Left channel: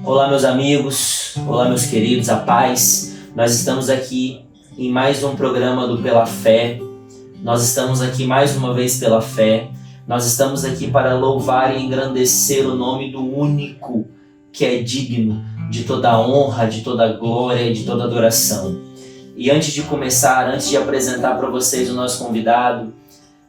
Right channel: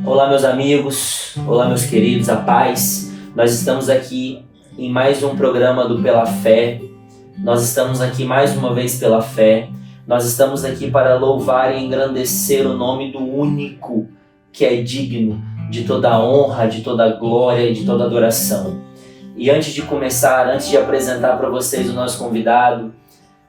Olá, meus amigos, olá, meus queridos, a paz. Nós estamos aqui em mais um programa do Pela Fé. Nós estamos aqui mais uma vez pela fé. Nós estamos aqui para louvar e engrandecer o nome do único que é digno de toda honra, de toda glória e de toda adoração. E antes de começar, antes de apresentar para vocês o nosso convidado,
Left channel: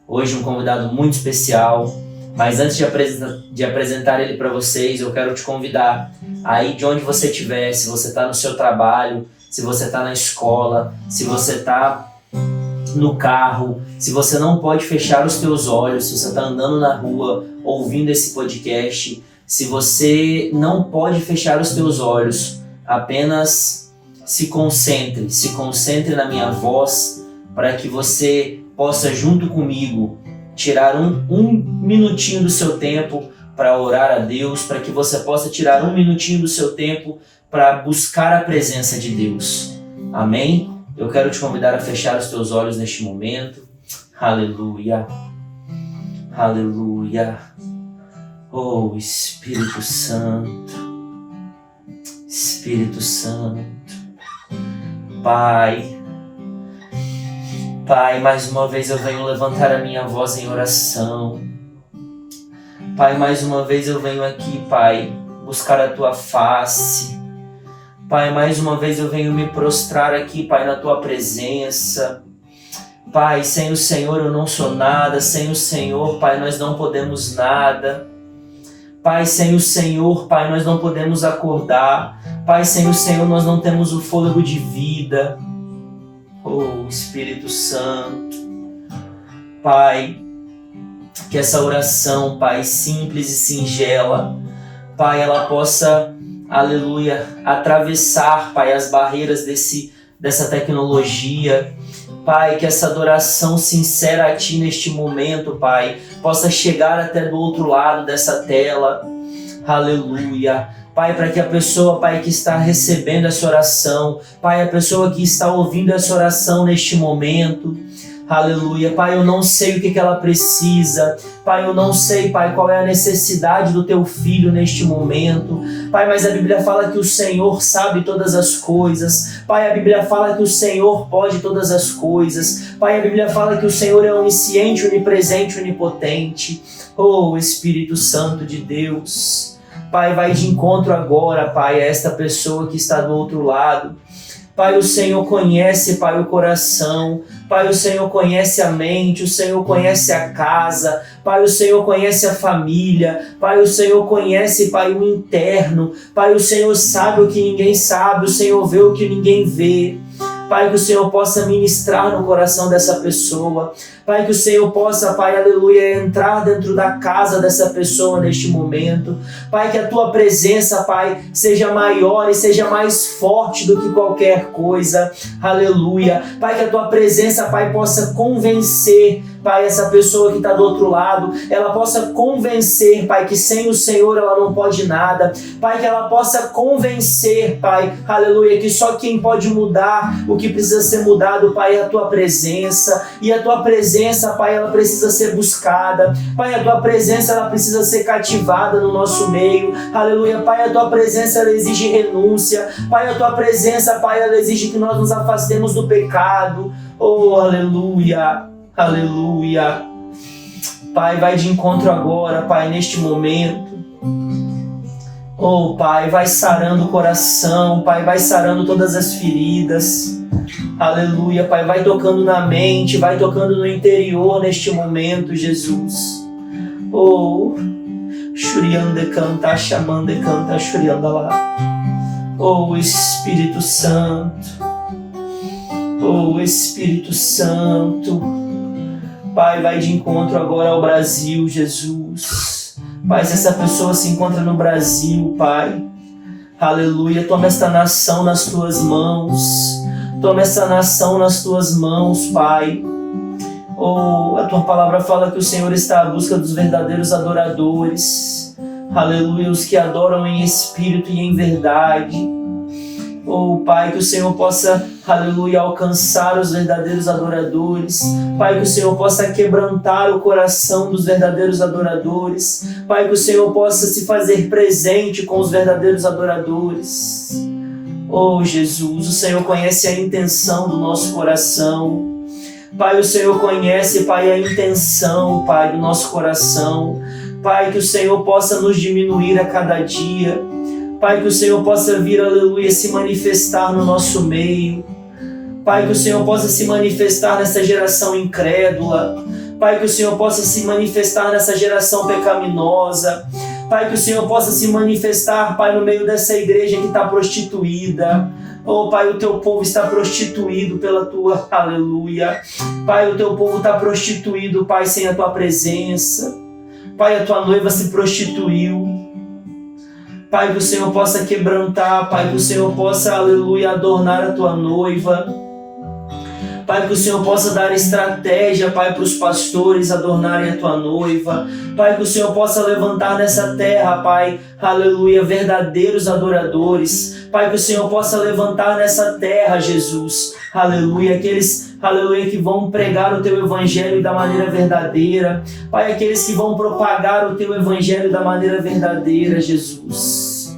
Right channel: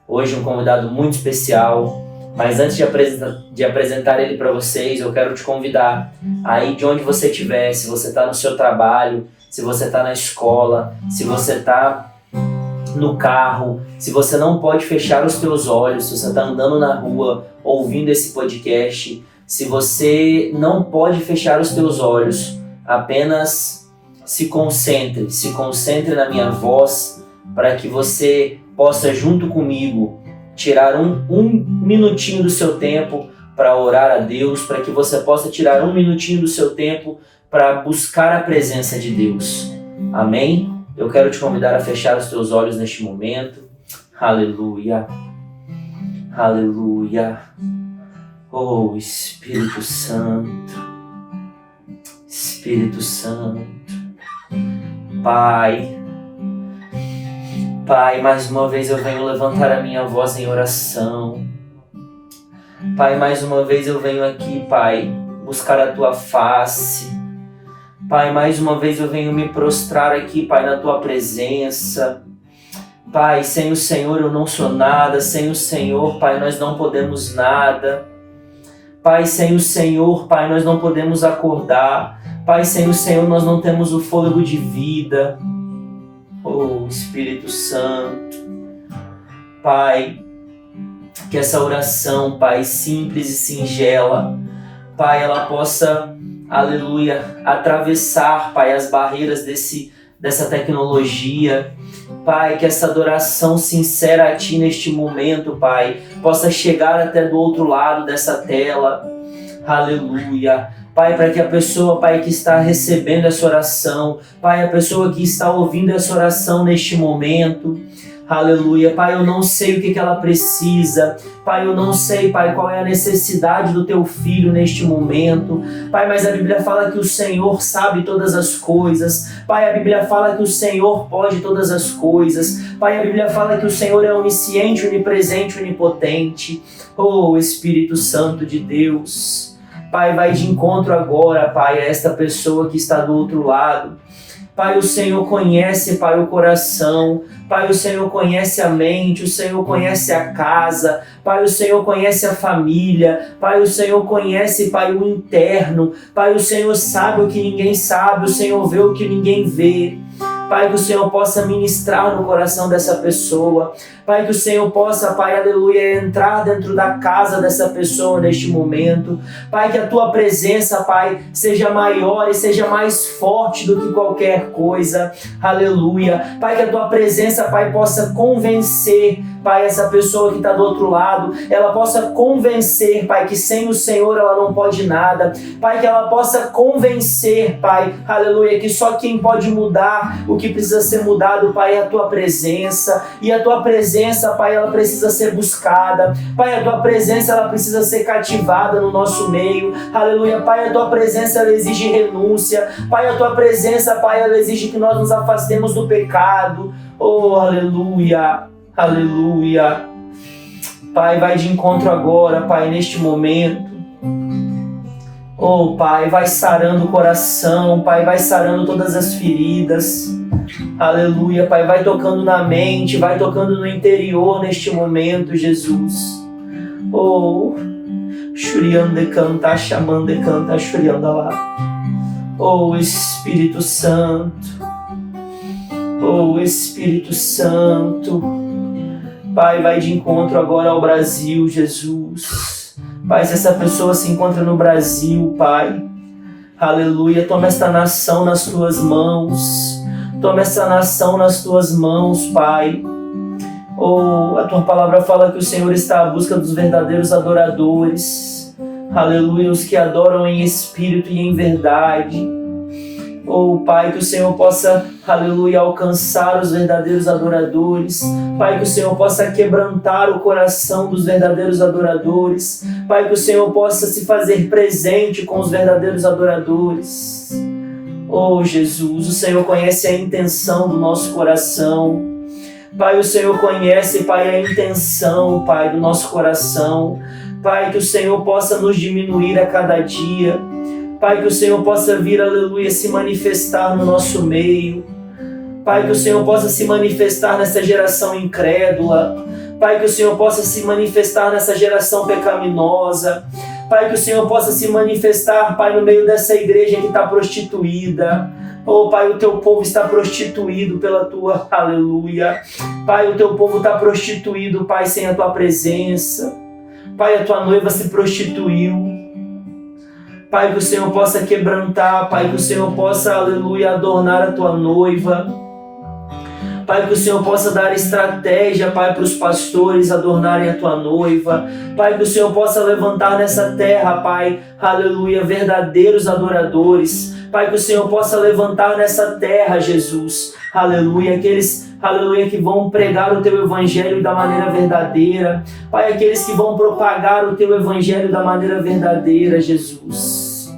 hoje um convidado muito especial, mas antes de apresentar ele para vocês, eu quero te convidar aí de onde você estiver, se você está no seu trabalho, se você está na escola, se você está no carro, se você não pode fechar os teus olhos, se você está andando na rua ouvindo esse podcast, se você não pode fechar os teus olhos, apenas se concentre na minha voz, para que você possa junto comigo tirar um minutinho do seu tempo para orar a Deus, para que você possa tirar um minutinho do seu tempo para buscar a presença de Deus. Amém? Eu quero te convidar a fechar os teus olhos neste momento. Aleluia. Aleluia. Oh, Espírito Santo. Espírito Santo. Pai, mais uma vez eu venho levantar a minha voz em oração. Pai, mais uma vez eu venho aqui, Pai, buscar a Tua face. Pai, mais uma vez eu venho me prostrar aqui, Pai, na Tua presença. Pai, sem o Senhor eu não sou nada, sem o Senhor, Pai, nós não podemos nada. Pai, sem o Senhor, Pai, nós não podemos acordar. Pai, sem o Senhor nós não temos o fôlego de vida. Oh, Espírito Santo. Pai, que essa oração, Pai, simples e singela, Pai, ela possa, aleluia, atravessar, Pai, as barreiras dessa tecnologia. Pai, que essa adoração sincera a Ti neste momento, Pai, possa chegar até do outro lado dessa tela. Aleluia. Pai, para que a pessoa, Pai, que está recebendo essa oração, Pai, a pessoa que está ouvindo essa oração neste momento, aleluia, Pai, eu não sei o que ela precisa, Pai, eu não sei, Pai, qual é a necessidade do Teu filho neste momento, Pai, mas a Bíblia fala que o Senhor sabe todas as coisas, Pai, a Bíblia fala que o Senhor pode todas as coisas, Pai, a Bíblia fala que o Senhor é onisciente, onipresente, onipotente. Oh, Espírito Santo de Deus, Pai, vai de encontro agora, Pai, a esta pessoa que está do outro lado. Pai, o Senhor conhece, Pai, o coração. Pai, o Senhor conhece a mente. O Senhor conhece a casa. Pai, o Senhor conhece a família. Pai, o Senhor conhece, Pai, o interno. Pai, o Senhor sabe o que ninguém sabe. O Senhor vê o que ninguém vê. Pai, que o Senhor possa ministrar no coração dessa pessoa. Pai, que o Senhor possa, Pai, aleluia, entrar dentro da casa dessa pessoa neste momento. Pai, que a Tua presença, Pai, seja maior e seja mais forte do que qualquer coisa. Aleluia. Pai, que a Tua presença, Pai, possa convencer, Pai, essa pessoa que está do outro lado. Ela possa convencer, Pai, que sem o Senhor ela não pode nada. Pai, que ela possa convencer, Pai, aleluia, que só quem pode mudar o que precisa ser mudado, Pai, é a Tua presença. E a Tua presença, Pai, ela precisa ser buscada. Pai, a Tua presença, ela precisa ser cativada no nosso meio. Aleluia. Pai, a Tua presença, ela exige renúncia. Pai, a Tua presença, Pai, ela exige que nós nos afastemos do pecado. Oh, aleluia. Aleluia. Pai, vai de encontro agora, Pai, neste momento. Oh, Pai, vai sarando o coração, Pai, vai sarando todas as feridas. Aleluia, Pai, vai tocando na mente, vai tocando no interior neste momento, Jesus. Oh, Shuriande canta, chamande canta, Shurianda lá. Oh, Espírito Santo. Oh, Espírito Santo. Pai, vai de encontro agora ao Brasil, Jesus. Pai, se essa pessoa se encontra no Brasil, Pai, aleluia, toma esta nação nas Tuas mãos. Toma essa nação nas Tuas mãos, Pai. Oh, a Tua palavra fala que o Senhor está à busca dos verdadeiros adoradores. Aleluia, os que adoram em espírito e em verdade. Oh, Pai, que o Senhor possa, aleluia, alcançar os verdadeiros adoradores. Pai, que o Senhor possa quebrantar o coração dos verdadeiros adoradores. Pai, que o Senhor possa se fazer presente com os verdadeiros adoradores. Oh, Jesus, o Senhor conhece a intenção do nosso coração. Pai, o Senhor conhece, Pai, a intenção, Pai, do nosso coração. Pai, que o Senhor possa nos diminuir a cada dia. Pai, que o Senhor possa vir, aleluia, se manifestar no nosso meio. Pai, que o Senhor possa se manifestar nessa geração incrédula. Pai, que o Senhor possa se manifestar nessa geração pecaminosa. Pai, que o Senhor possa se manifestar, Pai, no meio dessa igreja que está prostituída. Oh, Pai, o teu povo está prostituído pela tua, aleluia. Pai, o teu povo está prostituído, Pai, sem a tua presença. Pai, a tua noiva se prostituiu. Pai, que o Senhor possa quebrantar, Pai, que o Senhor possa, aleluia, adornar a tua noiva. Pai, que o Senhor possa dar estratégia, Pai, para os pastores adornarem a tua noiva. Pai, que o Senhor possa levantar nessa terra, Pai, aleluia, verdadeiros adoradores. Pai, que o Senhor possa levantar nessa terra, Jesus, aleluia, aqueles, aleluia, que vão pregar o teu evangelho da maneira verdadeira. Pai, aqueles que vão propagar o teu evangelho da maneira verdadeira, Jesus.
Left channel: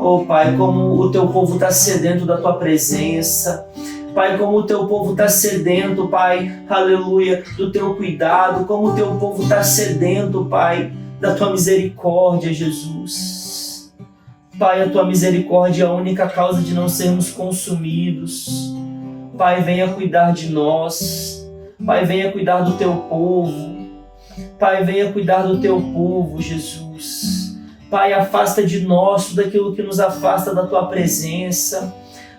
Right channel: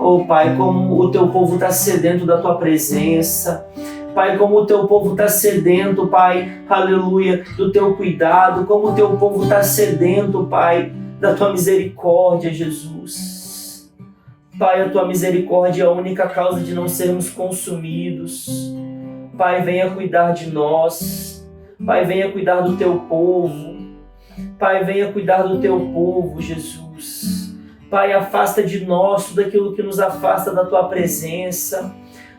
Oh, Pai, como o teu povo está sedento da tua presença. Pai, como o teu povo está sedento, Pai, aleluia, do teu cuidado, como o teu povo está sedento, Pai, da tua misericórdia, Jesus. Pai, a tua misericórdia é a única causa de não sermos consumidos. Pai, venha cuidar de nós. Pai, venha cuidar do teu povo. Pai, venha cuidar do teu povo, Jesus. Pai, afasta de nós tudo aquilo que nos afasta da tua presença.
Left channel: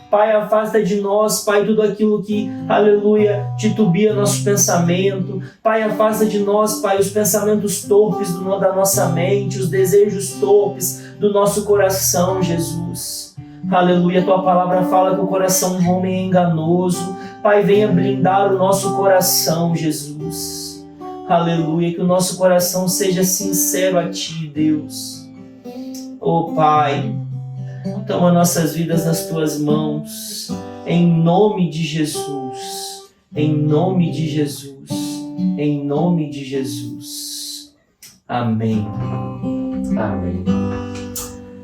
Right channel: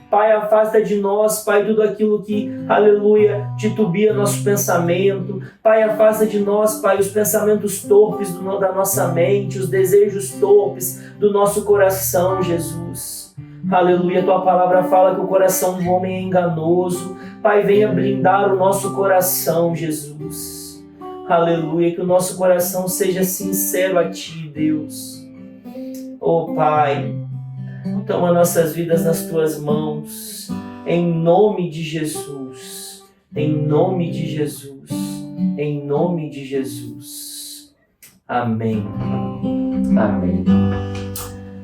Pai, afasta de nós, Pai, tudo aquilo que, aleluia, titubia nosso pensamento. Pai, afasta de nós, Pai, os pensamentos torpes da nossa mente, os desejos torpes do nosso coração, Jesus. Aleluia, tua palavra fala que o coração do homem é enganoso. Pai, venha blindar o nosso coração, Jesus. Aleluia, que o nosso coração seja sincero a ti, Deus. Oh, Pai, toma nossas vidas nas tuas mãos, em nome de Jesus, em nome de Jesus, em nome de Jesus. Amém. Amém.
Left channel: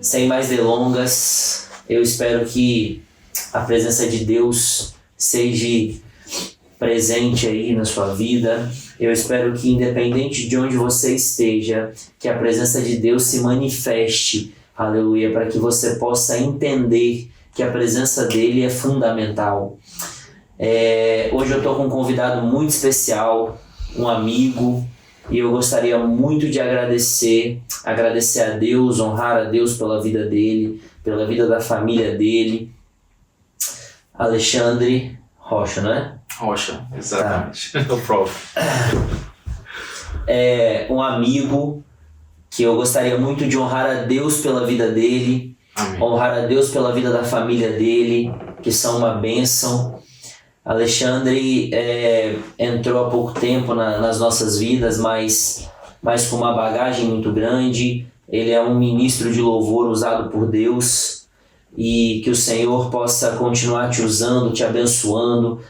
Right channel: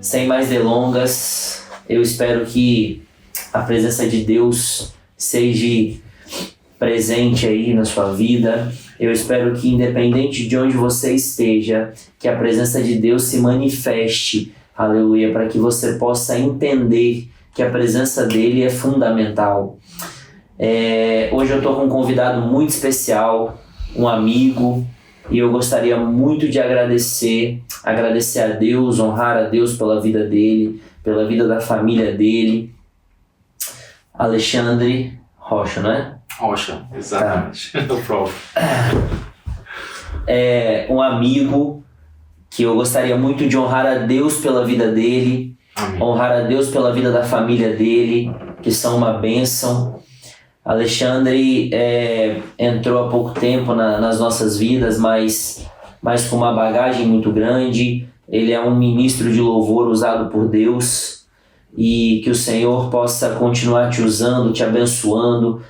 Sem mais delongas, eu espero que a presença de Deus seja presente aí na sua vida. Eu espero que, independente de onde você esteja, que a presença de Deus se manifeste, aleluia, para que você possa entender que a presença dele é fundamental. Hoje eu estou com um convidado muito especial, um amigo, e eu gostaria muito de agradecer a Deus, honrar a Deus pela vida dele, pela vida da família dele. Alexandre Rocha, não é? Rocha, exatamente. Tá. No próprio. É um amigo que eu gostaria muito de honrar a Deus pela vida dele. Amém. Honrar a Deus pela vida da família dele, que são uma bênção. Alexandre entrou há pouco tempo nas nossas vidas, mas com uma bagagem muito grande. Ele é um ministro de louvor usado por Deus, e que o Senhor possa continuar te usando, te abençoando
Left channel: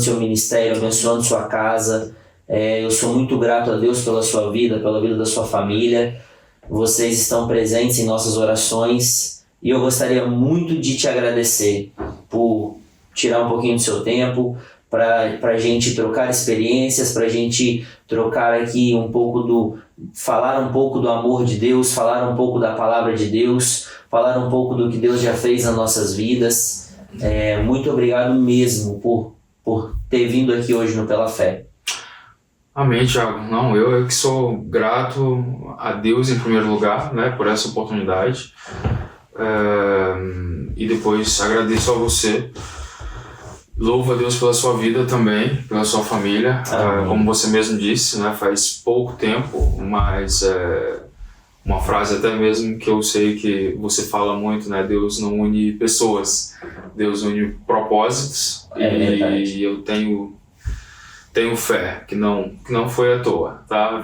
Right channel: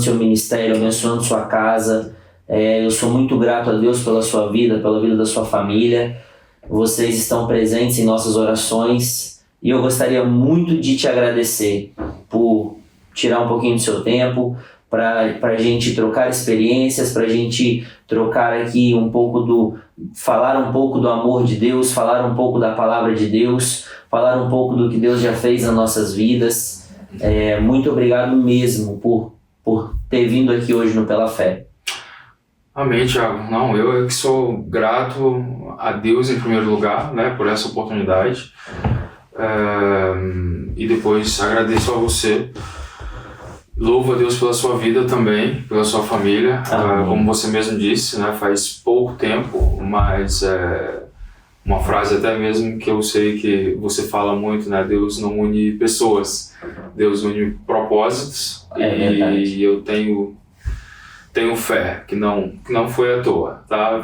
seu ministério, abençoando sua casa. Eu sou muito grato a Deus pela sua vida, pela vida da sua família. Vocês estão presentes em nossas orações e eu gostaria muito de te agradecer por tirar um pouquinho do seu tempo para a gente trocar experiências, para a gente trocar aqui falar um pouco do amor de Deus, falar um pouco da palavra de Deus, falar um pouco do que Deus já fez nas nossas vidas. Muito obrigado mesmo por ter vindo aqui hoje no Pela Fé. Amém, Thiago. Não, eu que sou grato a Deus em primeiro lugar, né, por essa oportunidade. E depois agradeço a você. Louvo a Deus pela sua vida também, pela sua família. Como você mesmo disse, né, faz pouco tempo, mas uma frase até mesmo que eu sei que você fala muito, né? Deus não une pessoas, Deus une propósitos. E eu tenho fé que não foi à toa, tá?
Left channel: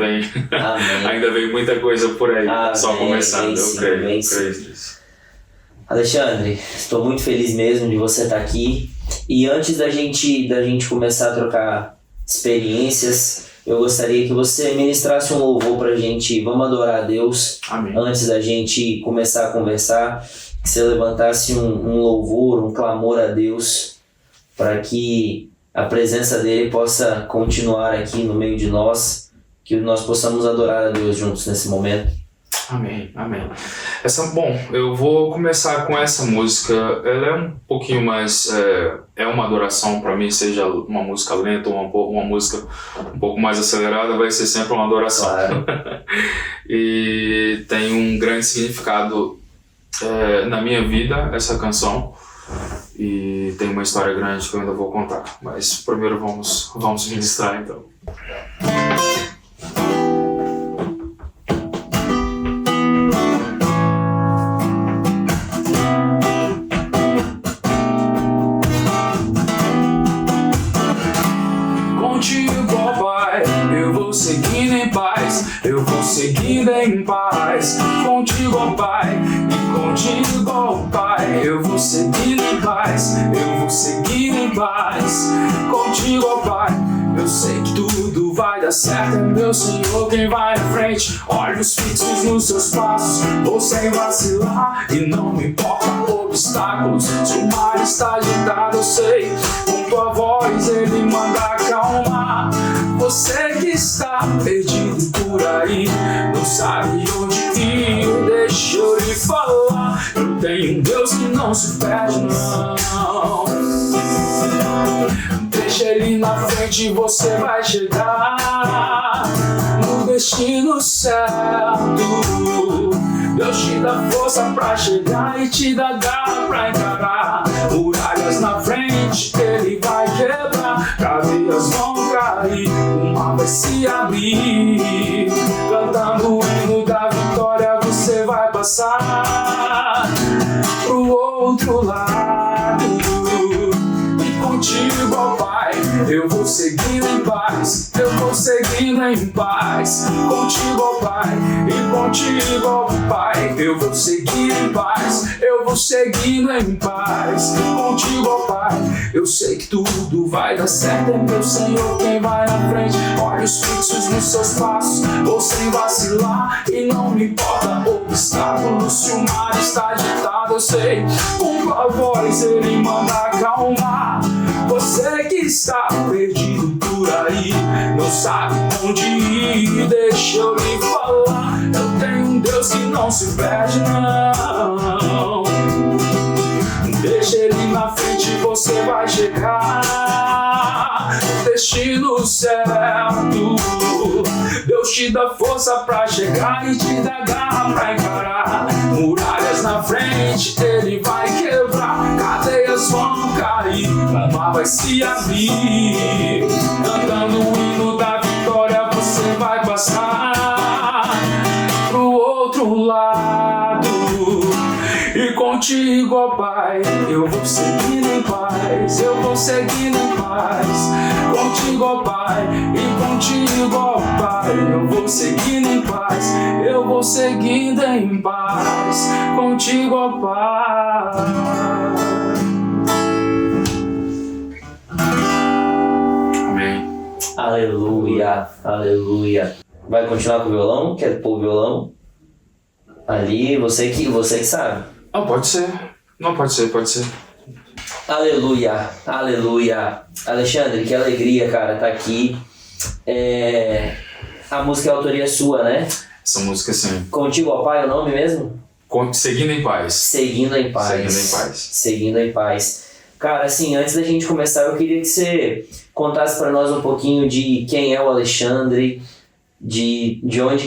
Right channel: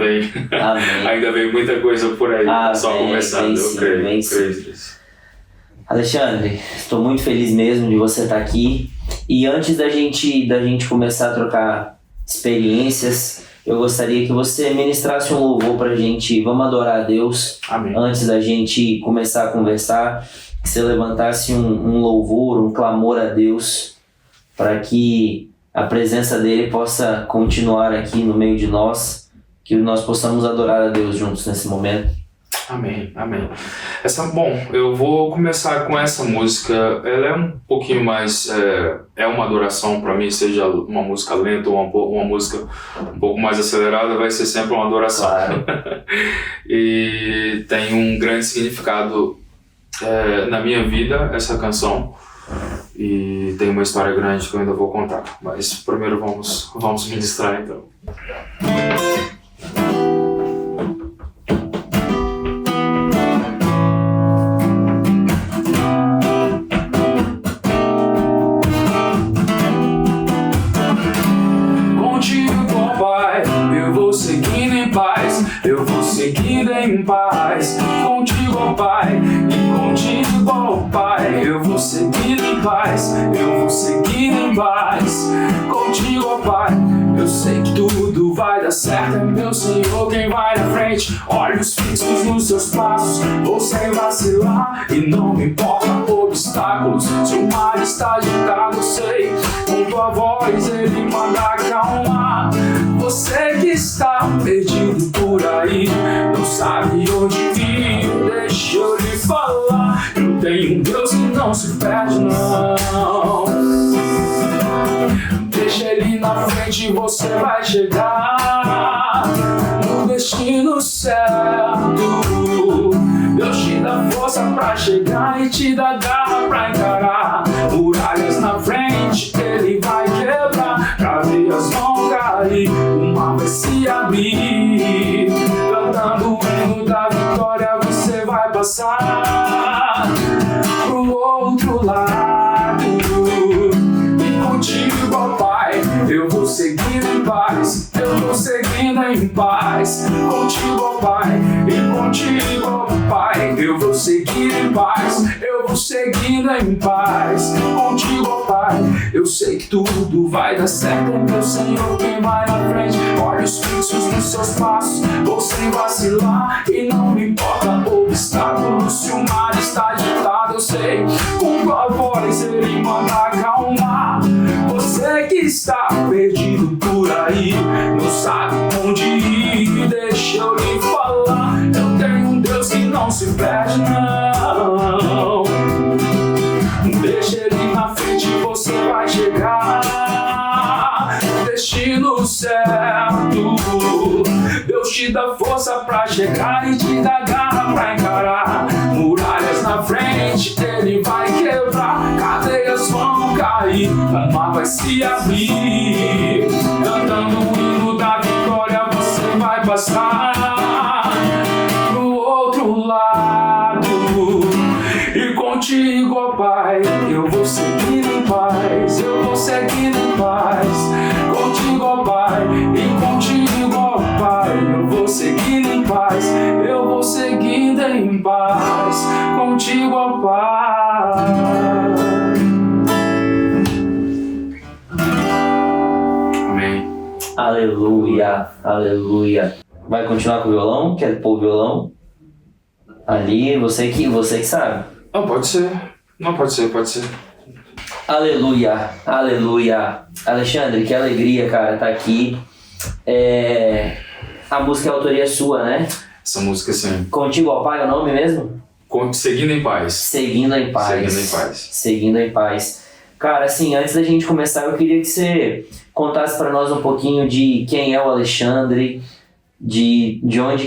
Ainda vem muita coisa por aí, só começando, eu creio nisso. Alexandre, estou muito feliz mesmo de você estar aqui. E antes da gente começar a trocar experiências, eu gostaria que você ministrasse um louvor pra gente. Vamos adorar a Deus. Amém. Antes da gente começar a conversar, que você levantasse um louvor, um clamor a Deus, para que a presença dele possa continuar aqui no meio de nós, que nós possamos adorar a Deus juntos nesse momento. Amém, amém. Bom, eu vou começar com essa música. Ela é um pouquinho mais, é uma adoração para mim, seja uma música lenta ou uma música um pouco mais acelerada, vai ser sempre uma adoração. Claro. E tem um grande significado na minha vida, essa canção. E tem uma história grande que eu ainda vou contar. Mas primeiro vamos ministrar então. Eu vou seguindo em paz, contigo, ó Pai, e contigo, ó Pai. Eu vou seguindo em paz, eu vou seguindo em paz, contigo, ó Pai. Eu sei que tudo vai dar certo, é meu Senhor quem vai na frente. Olhos fixos nos seus passos, vou sem vacilar, e não me importa obstáculos. Se o mar está agitado, eu sei, com tua voz ele manda acalmar. Você que está perdido por aí, não sabe onde ir, deixa eu lhe falar. Eu tenho um Deus que não se perde, não. Deixa ele na frente e você vai chegar no destino certo. Deus te dá força pra chegar e te dá garra pra encarar. Muralhas na frente, ele vai quebrar, cadeias vão cair, o mar vai se abrir. Cantando o hino da vitória, você vai passar pro outro lado. E contigo, ó Pai, eu vou seguindo em paz, eu vou seguindo em paz. Contigo, ó Pai, e contigo, ó Pai, eu vou seguir em paz, eu vou seguindo em paz. Contigo, ó Pai, eu sei que tudo vai dar certo, é meu Senhor quem vai na frente. Olhos fixos nos seus passos, vou sem vacilar, e não me importa obstáculos. Se o mar está agitado, eu sei, com tua voz ele manda acalmar. Você que está perdido por aí, não sabe onde ir, deixa eu lhe falar. Eu tenho um Deus que não se perde, não. Deixa ele na frente e você vai chegar no destino certo. Deus te dá força pra chegar e te dá garra pra encarar. Muralhas na frente, ele vai quebrar, cadeias vão cair, o mar vai se abrir. Cantando o hino da vitória, você vai passar pro outro lado. E contigo, ó Pai, eu vou seguindo em paz, eu vou seguindo em paz. Contigo, ó Pai, e contigo, ó Pai, eu vou seguindo em paz, eu vou seguindo em paz. Contigo, ó Pai. Amém. Aleluia, aleluia. Vai continuar com o violão? Quer pôr o violão? Ali, você que sabe. Ah, pode ser. Não, pode ser. Aleluia, aleluia. Alexandre, que alegria, cara, tá aqui. A música é autoria sua, né? Essa música, sim. Contigo, ó Pai, é o nome mesmo? Seguindo em paz. Seguindo em paz. Seguindo em paz. Seguindo em paz. Cara, assim, antes da gente começar, eu queria que você contasse pra nós um pouquinho de quem é o Alexandre, de onde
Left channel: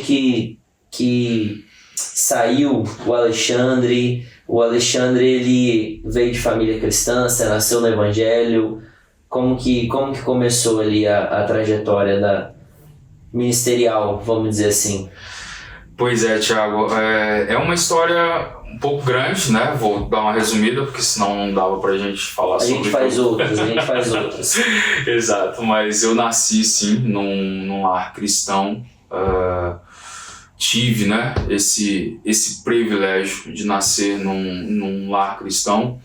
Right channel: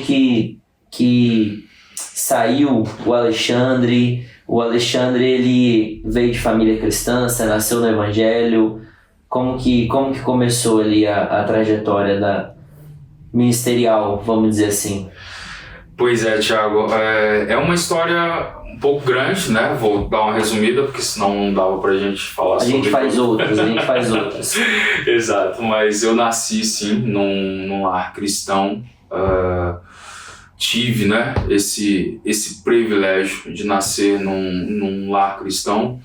que saiu o Alexandre. O Alexandre, ele veio de família cristã, você nasceu no Evangelho. Como que começou ali a trajetória da ministerial, vamos dizer assim? Pois é, Thiago, é uma história um pouco grande, né? Vou dar uma resumida, porque senão não dava pra gente falar sobre A gente faz outras. Exato, mas eu nasci, sim, num lar cristão. tive, né, esse privilégio de nascer num lar cristão.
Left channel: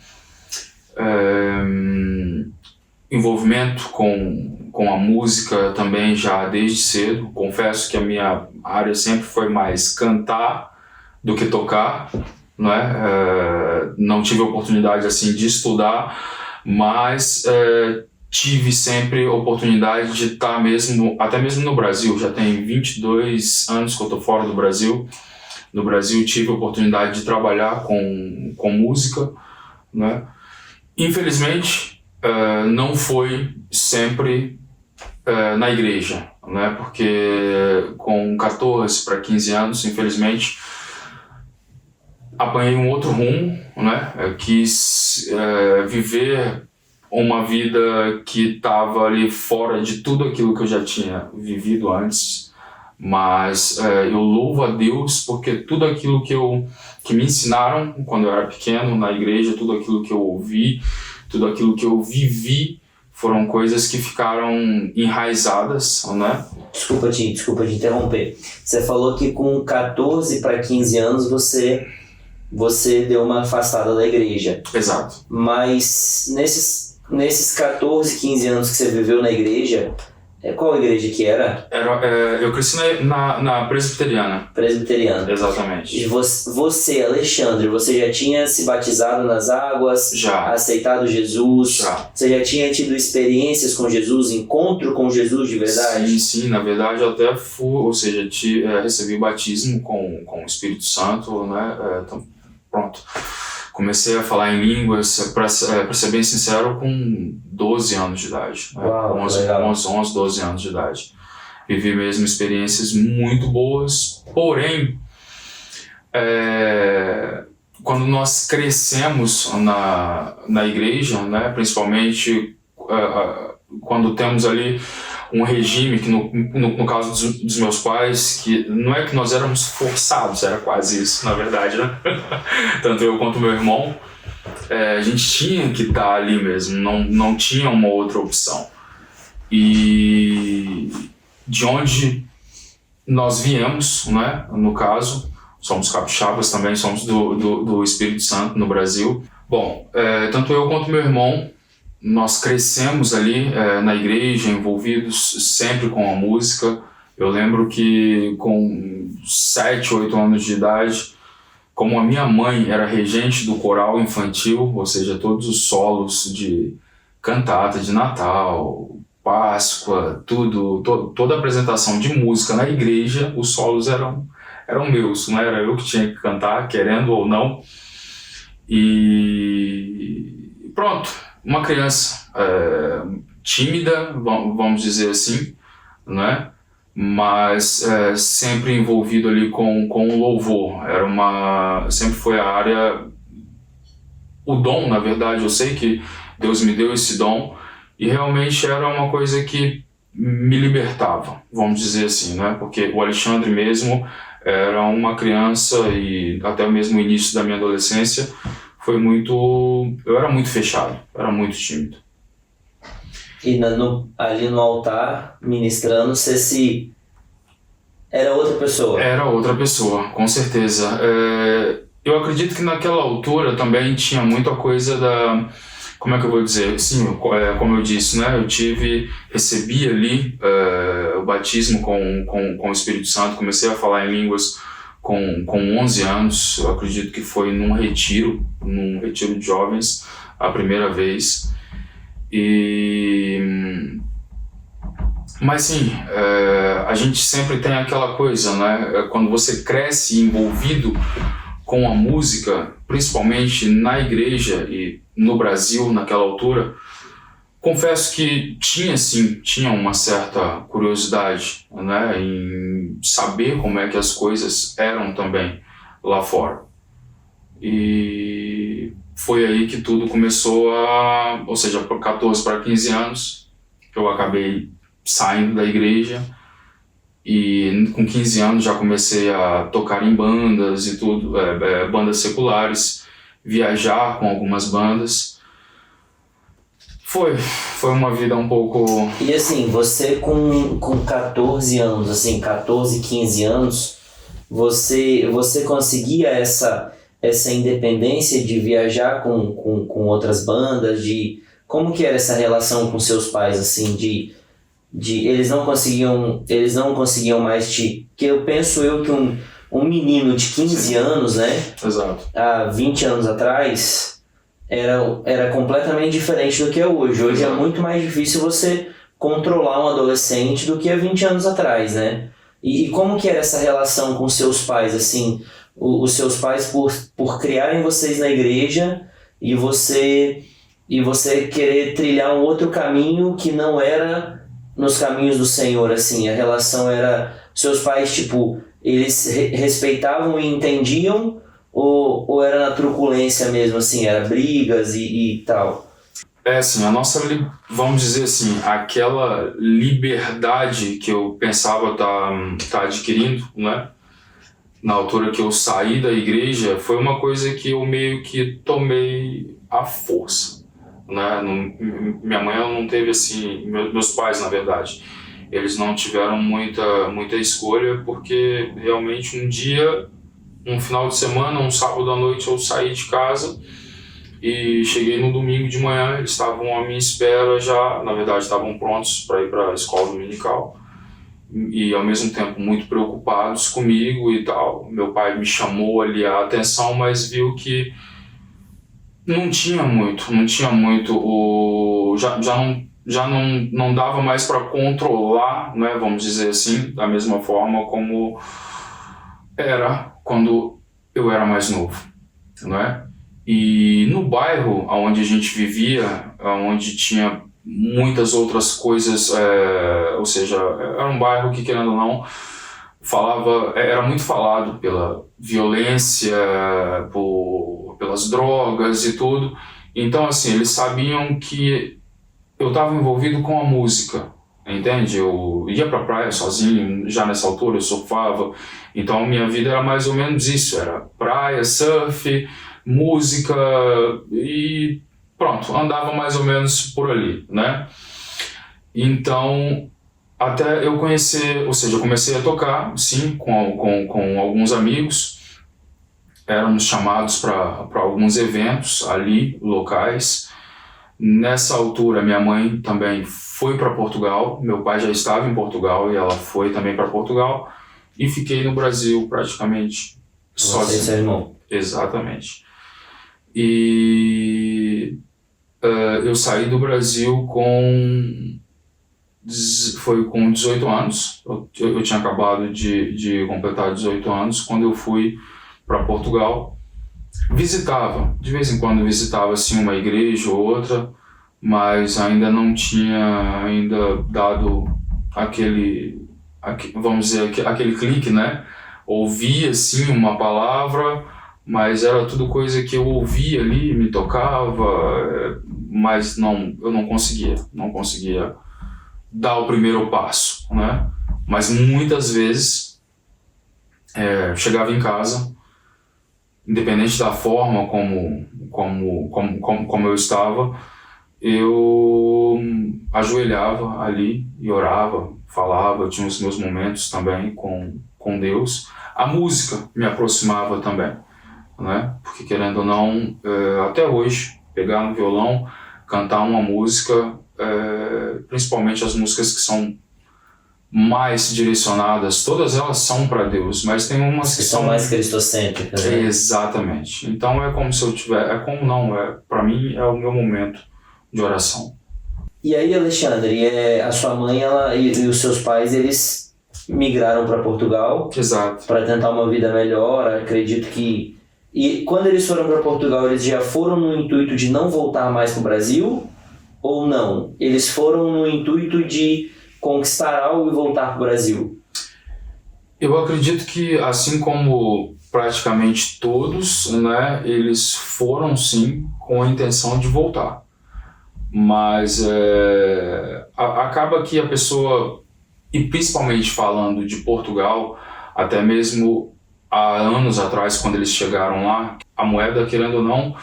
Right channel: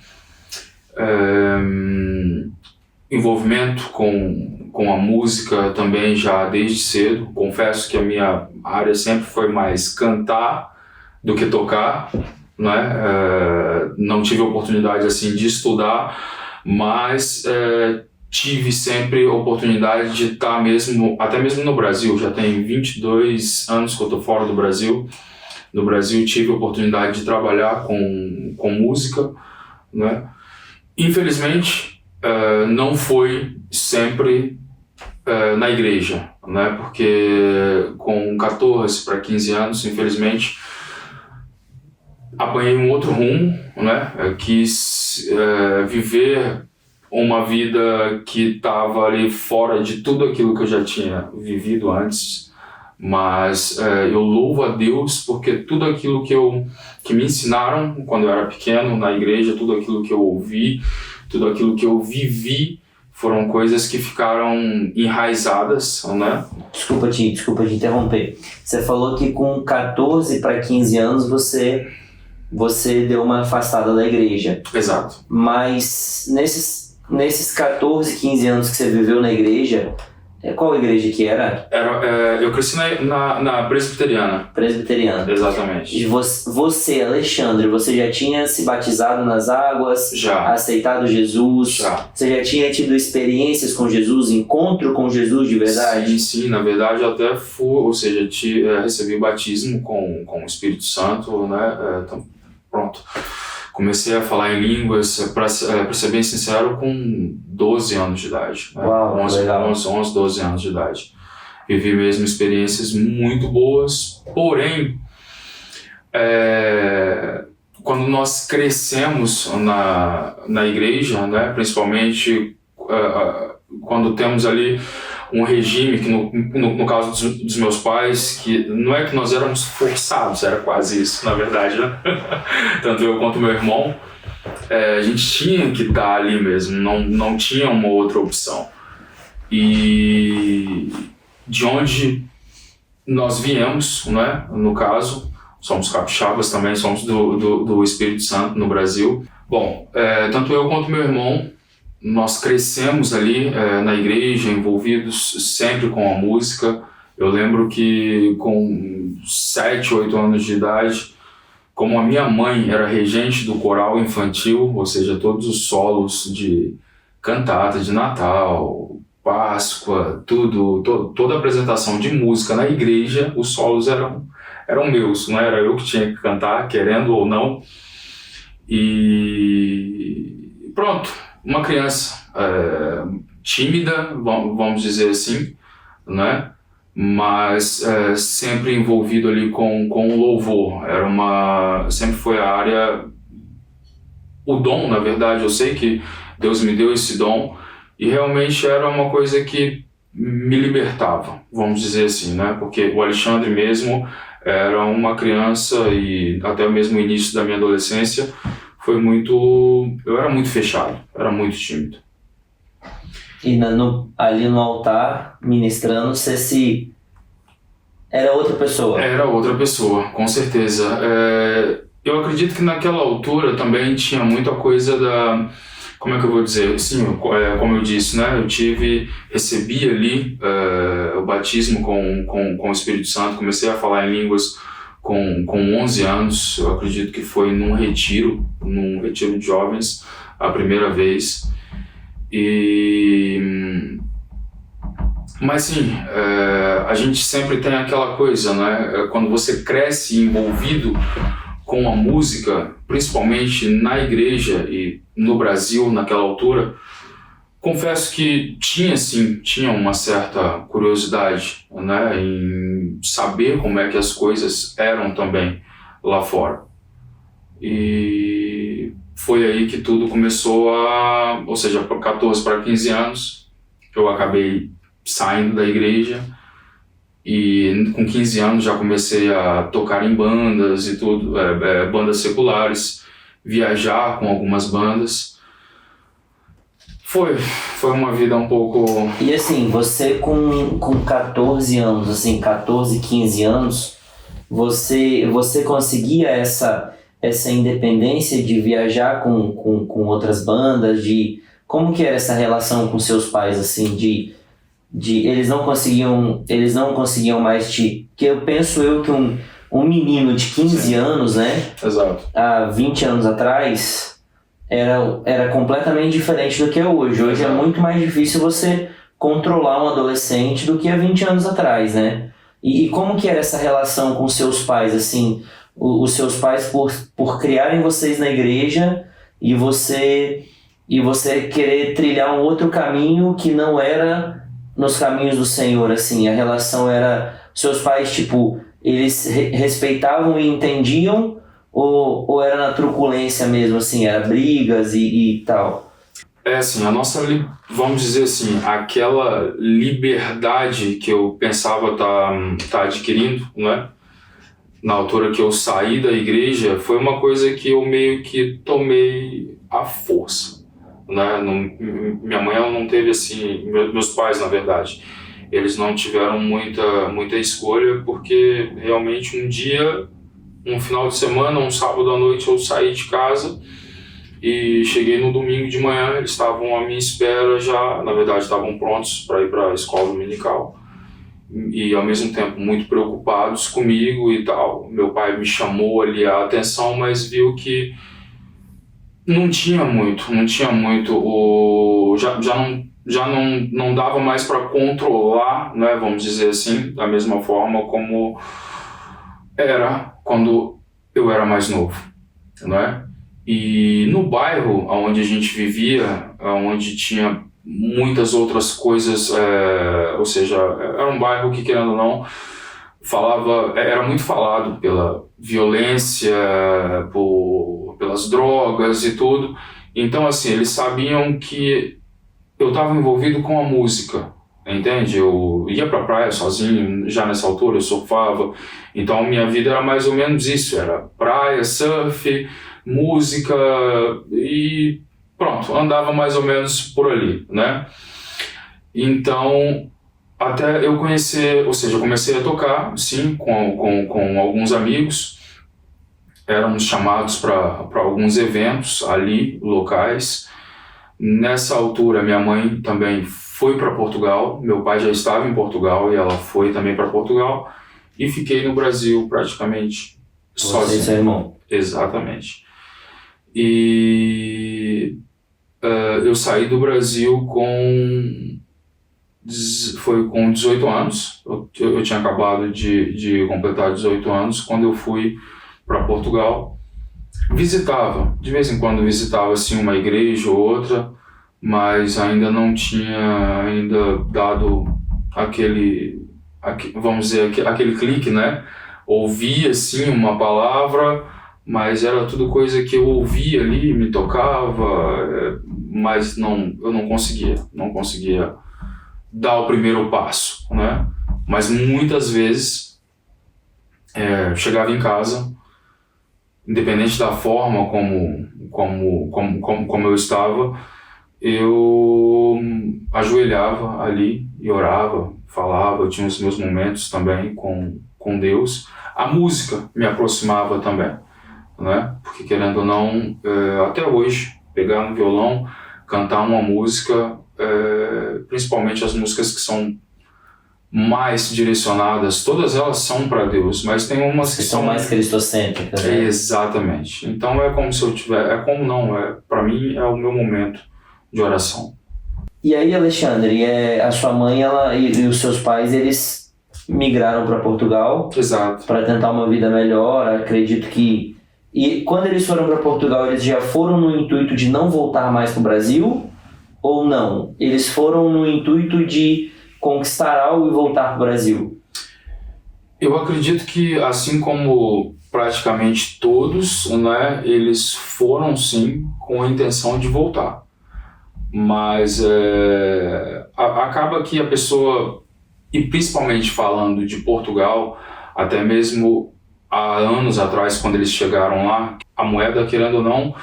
Envolvimento com a música também já desde cedo. Confesso que a minha área sempre foi mais cantar do que tocar, né? Não tive oportunidade assim de estudar, mas tive sempre a oportunidade de estar até mesmo no Brasil. Já tem 22 anos que eu estou fora do Brasil. No Brasil tive a oportunidade de trabalhar com música, né? Infelizmente, não foi sempre na igreja, né? Porque com 14 para 15 anos, infelizmente, apanhei um outro rumo, né? Quis viver uma vida que estava ali fora de tudo aquilo que eu já tinha vivido antes, mas eu louvo a Deus porque tudo aquilo que me ensinaram quando eu era pequeno na igreja, tudo aquilo que eu ouvi, tudo aquilo que eu vivi, foram coisas que ficaram enraizadas, né? Desculpa te interromper. Você falou que com 14 para 15 anos você deu uma afastada da igreja. Exato. Mas nesses 14, 15 anos que você viveu na igreja, qual igreja que era? Eu cresci na presbiteriana. Presbiteriana. Exatamente. E você, Alexandre, você já tinha se batizado nas águas? Já. Aceitado Jesus? Já. Você já tinha tido experiências com Jesus, encontro com Jesus de verdade? Sim, na verdade eu até recebi o batismo com o Espírito Santo, né? Então, pronto. Comecei a falar em línguas, para ser bem sincero, com 12 anos de idade. Né? Uau, 11, 12 anos de idade. Vivi mesmo experiências muito boas, porém, quando nós crescemos na igreja, né? Principalmente quando temos ali um regime que no caso dos meus pais, que não é que nós éramos forçados, era quase isso, na verdade, né? Tanto eu quanto meu irmão, a gente tinha que estar ali mesmo, não tinha uma outra opção. E de onde nós viemos, né? No caso, somos capixabas também, somos do Espírito Santo no Brasil. Bom, tanto eu quanto meu irmão, nós crescemos ali na igreja, envolvidos sempre com a música. Eu lembro que com 7, 8 anos de idade, como a minha mãe era regente do coral infantil, ou seja, todos os solos de cantata de Natal, Páscoa, toda a apresentação de música na igreja, os solos eram meus, não era eu que tinha que cantar, querendo ou não. E pronto. Uma criança tímida, vamos dizer assim, né? Mas sempre envolvido ali com o louvor. Sempre foi a área, o dom, na verdade. Eu sei que Deus me deu esse dom e realmente era uma coisa que me libertava, vamos dizer assim, né? Porque o Alexandre mesmo era uma criança e até mesmo o início da minha adolescência eu era muito fechado, era muito tímido. E ali no altar, ministrando, era outra pessoa? Era outra pessoa, com certeza. Eu acredito que naquela altura também tinha muita coisa como é que eu vou dizer? Sim, como eu disse, né? Recebi ali o batismo com o Espírito Santo, comecei a falar em línguas com 11 anos, eu acredito que foi num retiro de jovens, a primeira vez. Mas sim, a gente sempre tem aquela coisa, né? Quando você cresce envolvido com a música, principalmente na igreja e no Brasil naquela altura, confesso que tinha uma certa curiosidade, né, em saber como é que as coisas eram também lá fora. E foi aí que tudo começou ou seja, por 14 para 15 anos, eu acabei saindo da igreja e com 15 anos já comecei a tocar em bandas e tudo, bandas seculares, viajar com algumas bandas. Foi uma vida um pouco... E assim, você com 14 anos, assim, 14, 15 anos, você conseguia essa independência de viajar com outras bandas, de como que era essa relação com seus pais, assim, de eles não conseguiam mais que eu penso que um menino de 15 anos, né, Exato. há 20 anos atrás, era completamente diferente do que é hoje. Hoje é muito mais difícil você controlar um adolescente do que há 20 anos atrás, né? E como que era essa relação com seus pais, assim, os seus pais por criarem vocês na igreja e você querer trilhar um outro caminho que não era nos caminhos do Senhor, assim, a relação era, seus pais, tipo, eles respeitavam e entendiam ou era na truculência mesmo, assim, era brigas e tal? Assim, a nossa, vamos dizer assim, aquela liberdade que eu pensava tá adquirindo, né? Na altura que eu saí da igreja, foi uma coisa que eu meio que tomei à força, né? Minha mãe, ela não teve assim, meus pais, na verdade, eles não tiveram muita escolha, porque realmente um final de semana, um sábado à noite, eu saí de casa e cheguei no domingo de manhã, eles estavam à minha espera já, na verdade estavam prontos para ir para a escola dominical e ao mesmo tempo muito preocupados comigo e tal. Meu pai me chamou ali a atenção, mas viu que não tinha muito, já não dava mais para controlar, né, vamos dizer assim, da mesma forma como era quando eu era mais novo, né? E no bairro onde a gente vivia, onde tinha muitas outras coisas, ou seja, era um bairro que, querendo ou não, era muito falado pela violência, pelas drogas e tudo. Então, assim, eles sabiam que eu estava envolvido com a música, entende? Eu ia pra praia sozinho, já nessa altura eu surfava, então minha vida era mais ou menos isso, era praia, surf, música e pronto, andava mais ou menos por ali, né? Então, até eu conhecer, ou seja, eu comecei a tocar, sim, com alguns amigos, éramos chamados para alguns eventos ali, locais. Nessa altura, minha mãe também foi para Portugal, meu pai já estava em Portugal e ela foi também para Portugal, e fiquei no Brasil praticamente sozinho. Você e seu irmão? Exatamente. E eu saí do Brasil com 18 anos, eu tinha acabado de completar 18 anos quando eu fui para Portugal. De vez em quando visitava assim uma igreja ou outra, mas ainda não tinha dado vamos dizer, aquele clique, né? Ouvia assim uma palavra, mas era tudo coisa que eu ouvia ali, me tocava, mas eu não conseguia dar o primeiro passo, né? Mas muitas vezes chegava em casa, independente da forma como eu estava, eu ajoelhava ali e orava, falava, eu tinha os meus momentos também com Deus. A música me aproximava também, né? Porque, querendo ou não, até hoje, pegar no violão, cantar uma música, principalmente as músicas que são mais direcionadas, todas elas são para Deus, mas tem umas que são mais cristocêntricas, né? Exatamente. Então é como se eu para mim é o meu momento de oração. E aí, Alexandre, a sua mãe e os seus pais, eles migraram para Portugal. Exato. Para tentar uma vida melhor, acredito que... E quando eles foram para Portugal, eles já foram no intuito de não voltar mais para o Brasil? Ou não? Eles foram no intuito de conquistar algo e voltar para o Brasil? Eu acredito que, assim como praticamente todos, né, eles foram sim com a intenção de voltar. Mas acaba que a pessoa, e principalmente falando de Portugal, até mesmo há anos atrás, quando eles chegaram lá, a moeda, querendo ou não,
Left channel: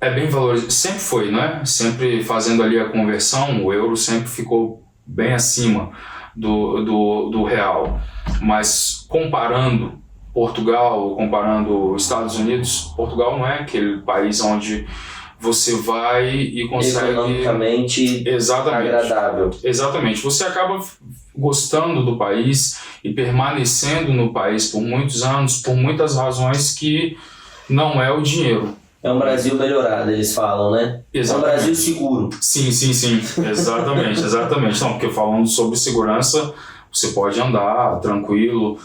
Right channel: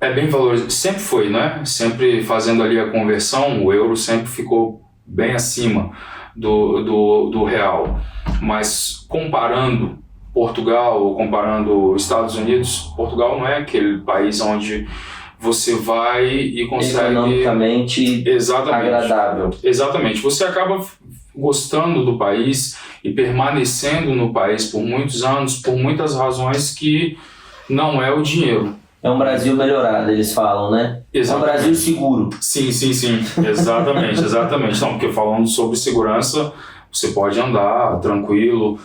é bem valorizada. Sempre foi, né? Sempre fazendo ali a conversão, o euro sempre ficou bem acima do real. Mas comparando Portugal, ou comparando Estados Unidos, Portugal não é aquele país onde você vai e consegue... Economicamente Exatamente. agradável. Exatamente. Você acaba gostando do país e permanecendo no país por muitos anos, por muitas razões que não é o dinheiro. É um Brasil melhorado, eles falam, né? Exatamente. É um Brasil seguro. Sim. Exatamente. Não, porque falando sobre segurança, você pode andar tranquilo.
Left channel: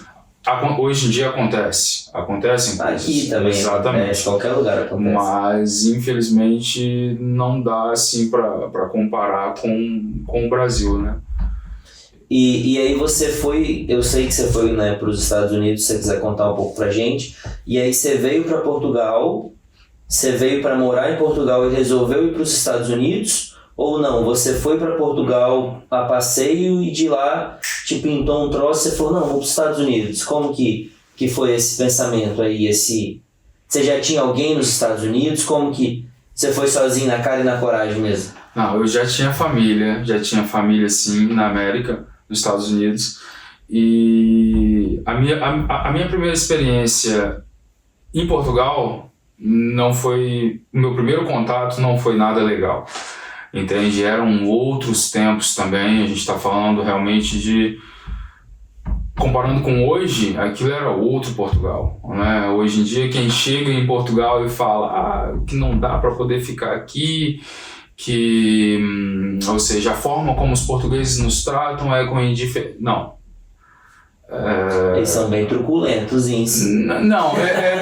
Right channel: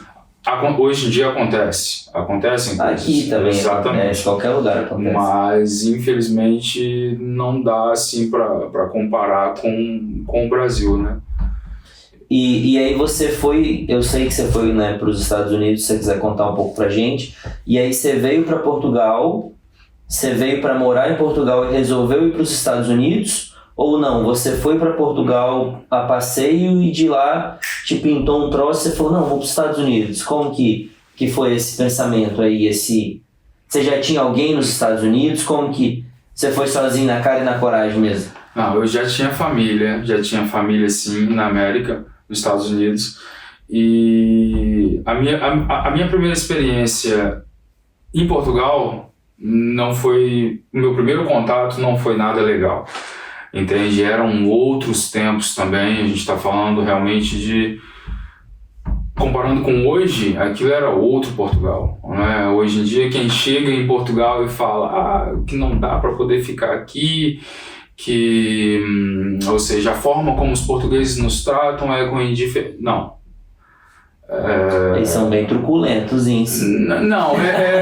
Hoje em dia acontecem coisas. Aqui também, exatamente. Em qualquer lugar acontece. Mas infelizmente não dá assim para comparar com o Brasil, né? E aí você foi, eu sei que você foi, né, para os Estados Unidos, se você quiser contar um pouco pra gente. E aí você veio para Portugal, você veio para morar em Portugal e resolveu ir para os Estados Unidos? Ou não, você foi para Portugal a passeio e de lá te pintou um troço e você falou, não, vou para os Estados Unidos. Como que foi esse pensamento aí? Você já tinha alguém nos Estados Unidos? Como que você foi sozinho na cara e na coragem mesmo? Não, eu já tinha família sim na América, nos Estados Unidos. E a minha primeira experiência em Portugal não foi... O meu primeiro contato não foi nada legal. Entende? Eram outros tempos também, a gente está falando realmente de... Comparando com hoje, aquilo era outro Portugal, né? Hoje em dia, quem chega em Portugal e fala que não dá para poder ficar aqui, ou seja, a forma como os portugueses nos tratam é com indiferença. Não. Eles são bem truculentos, hein? Não,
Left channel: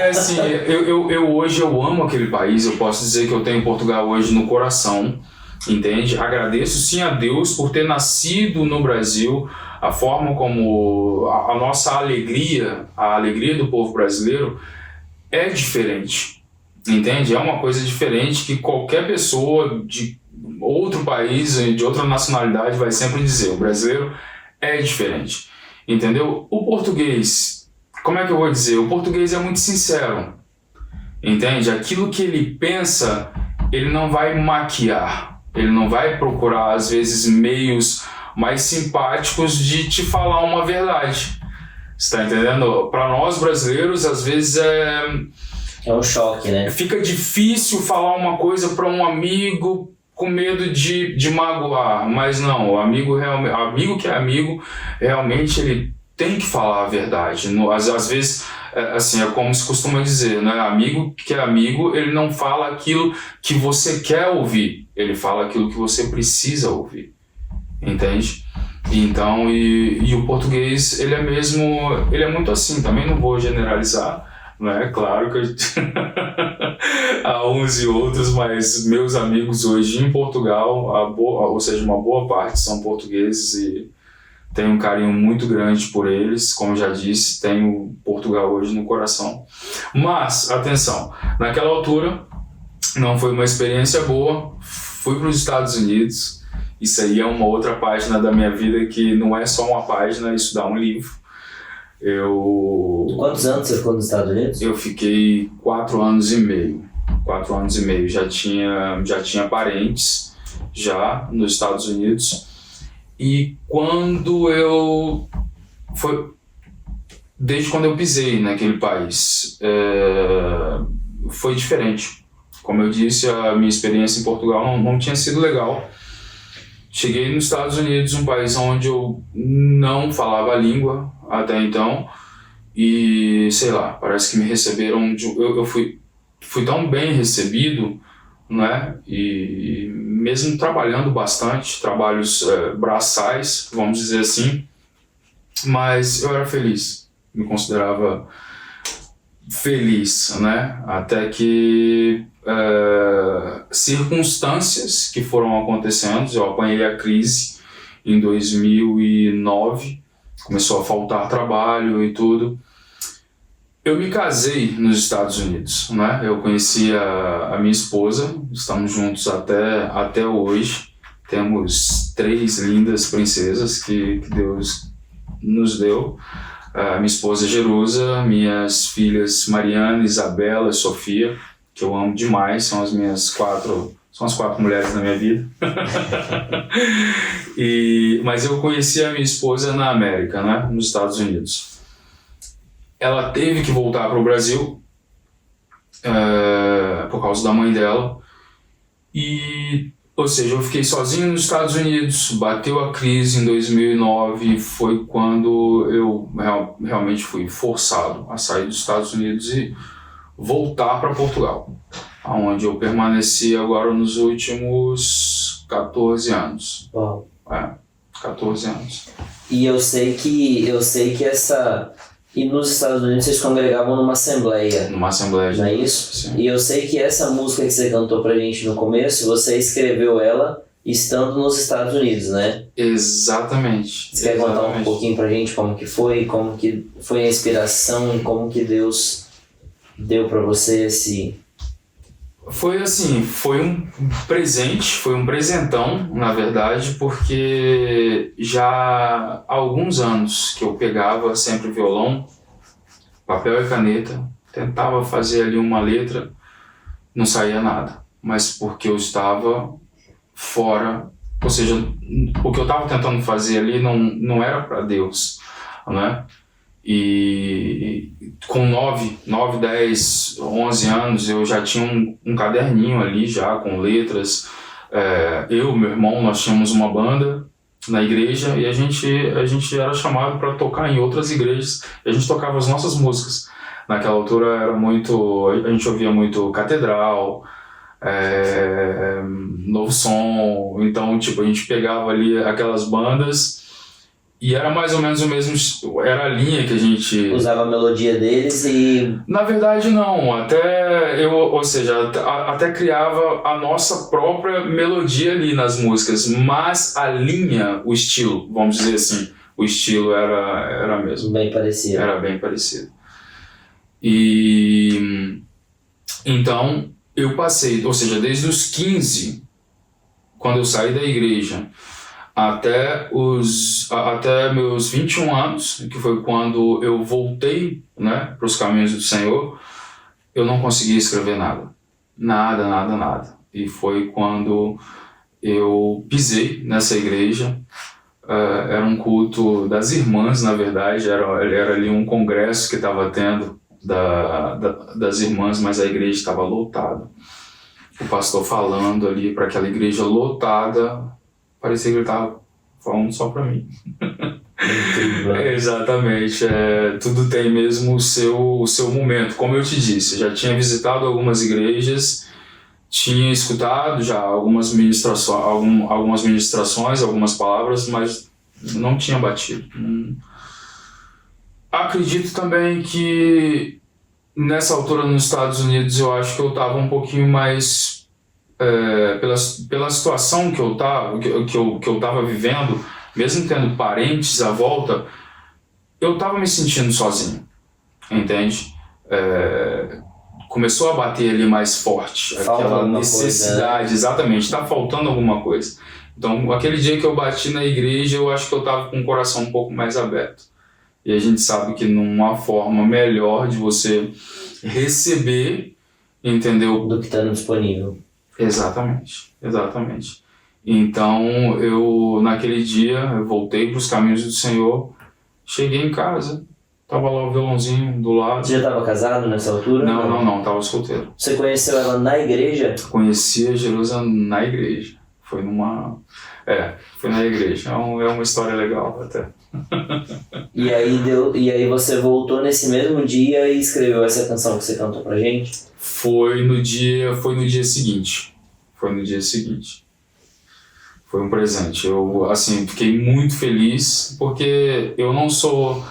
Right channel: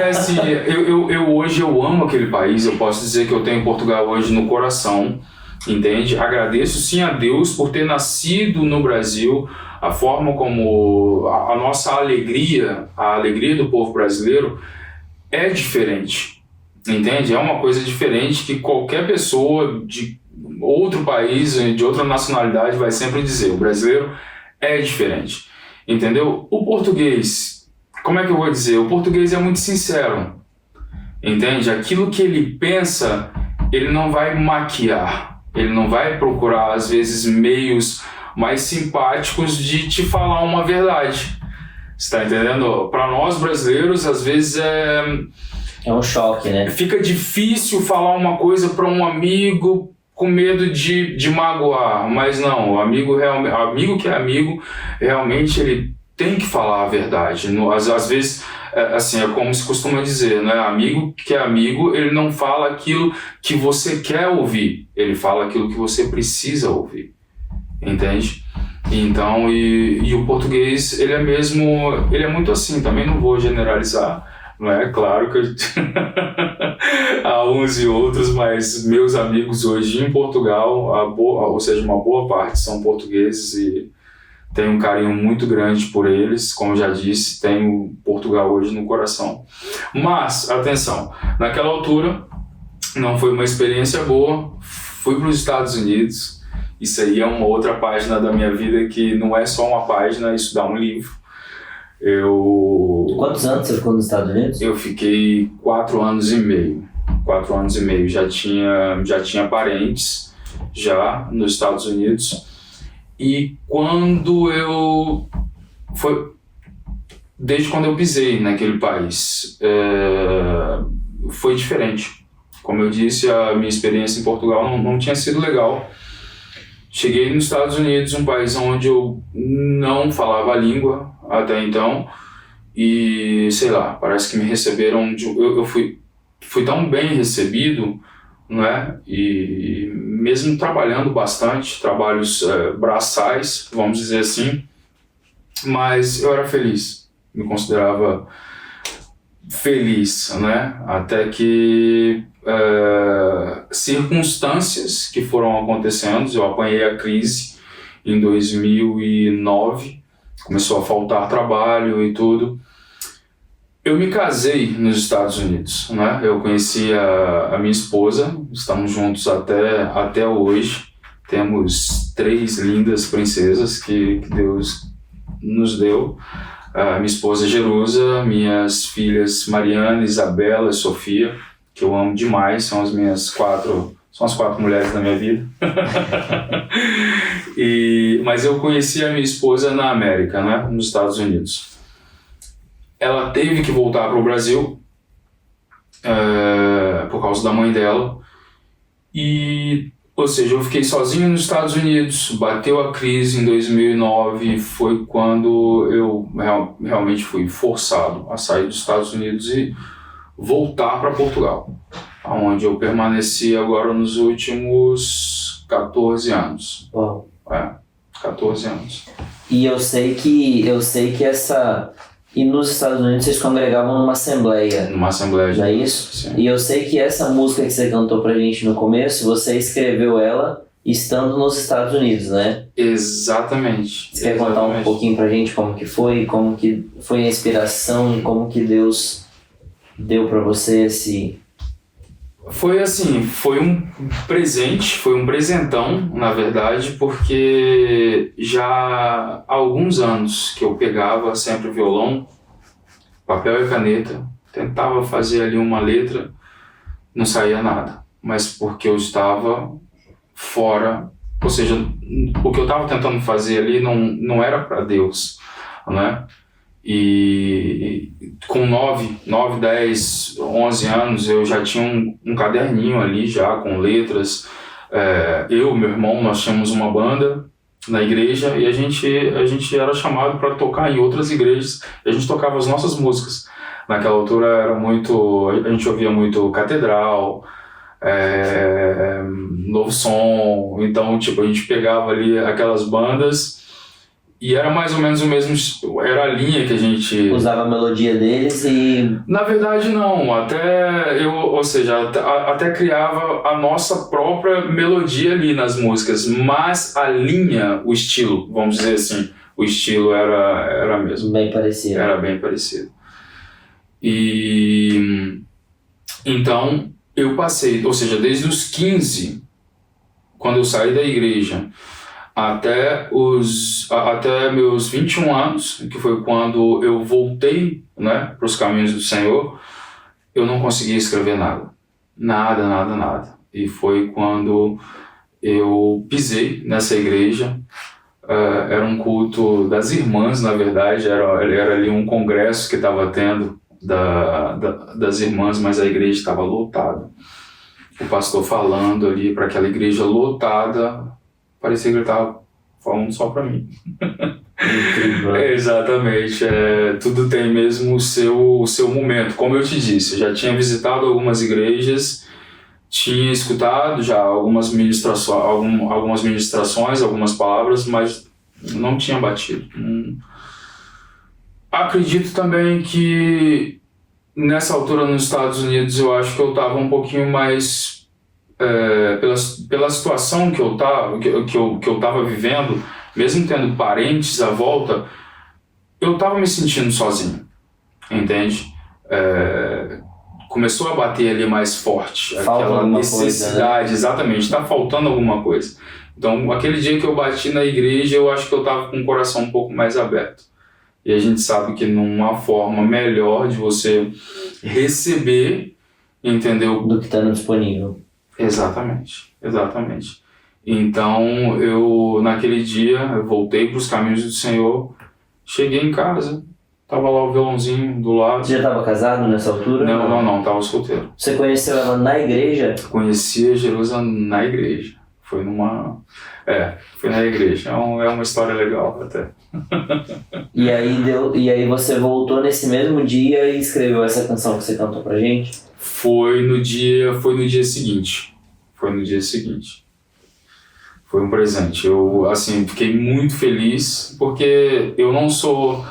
assim, hoje eu amo aquele país, eu posso dizer que eu tenho Portugal hoje no coração. Entende? Agradeço sim a Deus por ter nascido no Brasil, a forma como a nossa alegria, a alegria do povo brasileiro é diferente, entende? É uma coisa diferente que qualquer pessoa de outro país, de outra nacionalidade vai sempre dizer, o brasileiro é diferente, entendeu? O português, como é que eu vou dizer? O português é muito sincero, entende? Aquilo que ele pensa, ele não vai maquiar. Ele não vai procurar, às vezes, meios mais simpáticos de te falar uma verdade. Você está entendendo? Para nós brasileiros, às vezes é um choque, né? Fica difícil falar uma coisa para um amigo com medo de magoar. Mas não, o amigo que é amigo, realmente ele tem que falar a verdade. Às vezes... assim, é como se costuma dizer, né? Amigo que é amigo, ele não fala aquilo que você quer ouvir, ele fala aquilo que você precisa ouvir, entende? Então, e o português, ele é muito assim, também não vou generalizar, né? Claro que há uns e outros, mas meus amigos hoje em Portugal, ou seja, uma boa parte são portugueses e tenho um carinho muito grande por eles, como já disse, tenho Portugal hoje no coração. Mas, atenção, naquela altura não foi uma experiência boa, fui para os Estados Unidos, isso aí é uma outra página da minha vida que não é só uma página, isso dá um livro. Quantos anos você ficou nos Estados Unidos? Eu fiquei 4 anos e meio, já tinha parentes já nos Estados Unidos. E desde quando eu pisei naquele país, foi diferente. Como eu disse, a minha experiência em Portugal não tinha sido legal. Cheguei nos Estados Unidos, um país onde eu não falava a língua até então, e sei lá, parece que me receberam, eu fui tão bem recebido, né? E mesmo trabalhando bastante, trabalhos braçais, vamos dizer assim, mas eu era feliz, me considerava feliz, né? Até que circunstâncias que foram acontecendo, eu apanhei a crise em 2009, começou a faltar trabalho e tudo. Eu me casei nos Estados Unidos, né? Eu conheci a minha esposa, estamos juntos até hoje. Temos 3 lindas princesas que Deus nos deu. Minha esposa Jerusa, minhas filhas Mariana, Isabela e Sofia, que eu amo demais, são as 4 mulheres da minha vida. Mas eu conheci a minha esposa na América, né? Nos Estados Unidos. ela teve que voltar para o Brasil por causa da mãe dela. Ou seja, eu fiquei sozinho nos Estados Unidos, bateu a crise em 2009, foi quando eu realmente fui forçado a sair dos Estados Unidos e voltar para Portugal, onde eu permaneci agora nos últimos 14 anos. Uau. 14 anos. E eu sei que essa... E nos Estados Unidos vocês congregavam numa assembleia. Numa assembleia de... Não é isso? Sim. E eu sei que essa música que você cantou pra gente no começo, você escreveu ela estando nos Estados Unidos, né? Exatamente. Você quer contar um pouquinho pra gente como que foi a inspiração e como que Deus deu pra você esse... Foi assim, foi um presente, foi um presentão, na verdade, porque já há alguns anos que eu pegava sempre violão, papel e caneta, tentava fazer ali uma letra, não saía nada, mas porque eu estava fora, ou seja, o que eu estava tentando fazer ali não era para Deus, né? E com 9, 10, 11 anos eu já tinha um caderninho ali já com letras. Eu, meu irmão, nós tínhamos uma banda na igreja e a gente era chamado para tocar em outras igrejas. A gente tocava as nossas músicas. Naquela altura a gente ouvia muito Catedral, Novo Som. Então tipo, a gente pegava ali aquelas bandas e era mais ou menos o mesmo, era a linha que a gente... Usava a melodia deles e... Na verdade não, até criava a nossa própria melodia ali nas músicas, mas a linha, o estilo, vamos dizer assim, o estilo era mesmo. Bem parecido. Era bem parecido. E então eu passei, ou seja, desde os 15, quando eu saí da igreja, até meus 21 anos, que foi quando eu voltei, né, para os caminhos do Senhor, eu não conseguia escrever nada. Nada. E foi quando eu pisei nessa igreja. Era um culto das irmãs, na verdade, era ali um congresso que estava tendo das irmãs, mas a igreja estava lotada. O pastor falando ali para aquela igreja lotada, parecia que ele estava falando só para mim. Exatamente. Tudo tem mesmo o seu momento. Como eu te disse, eu já tinha visitado algumas igrejas, tinha escutado já algumas ministrações, algumas palavras, mas não tinha batido. Acredito também que nessa altura nos Estados Unidos eu acho que eu estava um pouquinho mais... pela situação que eu estava vivendo, mesmo tendo parentes à volta, eu estava me sentindo sozinho, entende? Começou a bater ali mais forte, aquela necessidade, coisa, né? Exatamente, está faltando alguma coisa. Então, aquele dia que eu bati na igreja, eu acho que eu estava com o coração um pouco mais aberto. E a gente sabe que numa forma melhor de você receber, entendeu? Do que está disponível. Exatamente. Então, naquele dia, eu voltei para os caminhos do Senhor, cheguei em casa, tava lá o violãozinho do lado. Você já estava casado nessa altura? Não, tava solteiro. Você conheceu ela na igreja? Conheci a Jerusa na igreja. Foi na igreja. É uma história legal até. E aí você voltou nesse mesmo dia e escreveu essa canção que você cantou pra gente? Foi no dia seguinte. Foi um presente. Eu, assim, fiquei muito feliz porque eu não sou...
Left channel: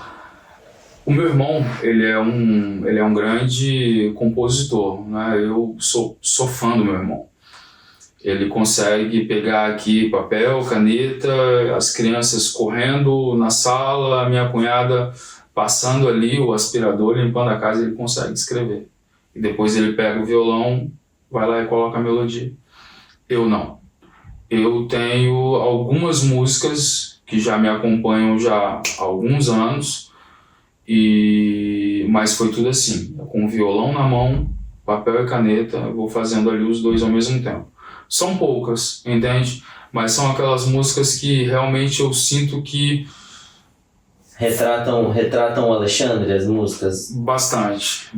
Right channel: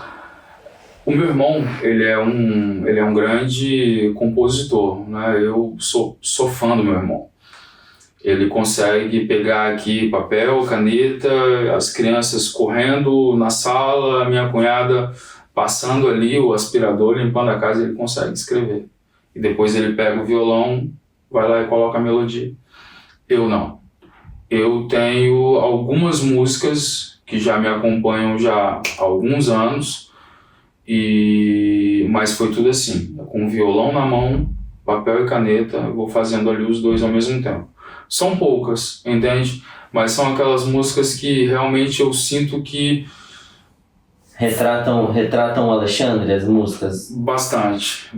O meu irmão, ele é um grande compositor, né? Eu sou fã do meu irmão. Ele consegue pegar aqui papel, caneta, as crianças correndo na sala, a minha cunhada passando ali o aspirador, limpando a casa, ele consegue escrever. E depois ele pega o violão, vai lá e coloca a melodia. Eu não. Eu tenho algumas músicas que já me acompanham já há alguns anos, mas foi tudo assim, com o violão na mão, papel e caneta, eu vou fazendo ali os dois ao mesmo tempo. São poucas, entende? Mas são aquelas músicas que realmente eu sinto que Retratam o Alexandre, as músicas? Bastante.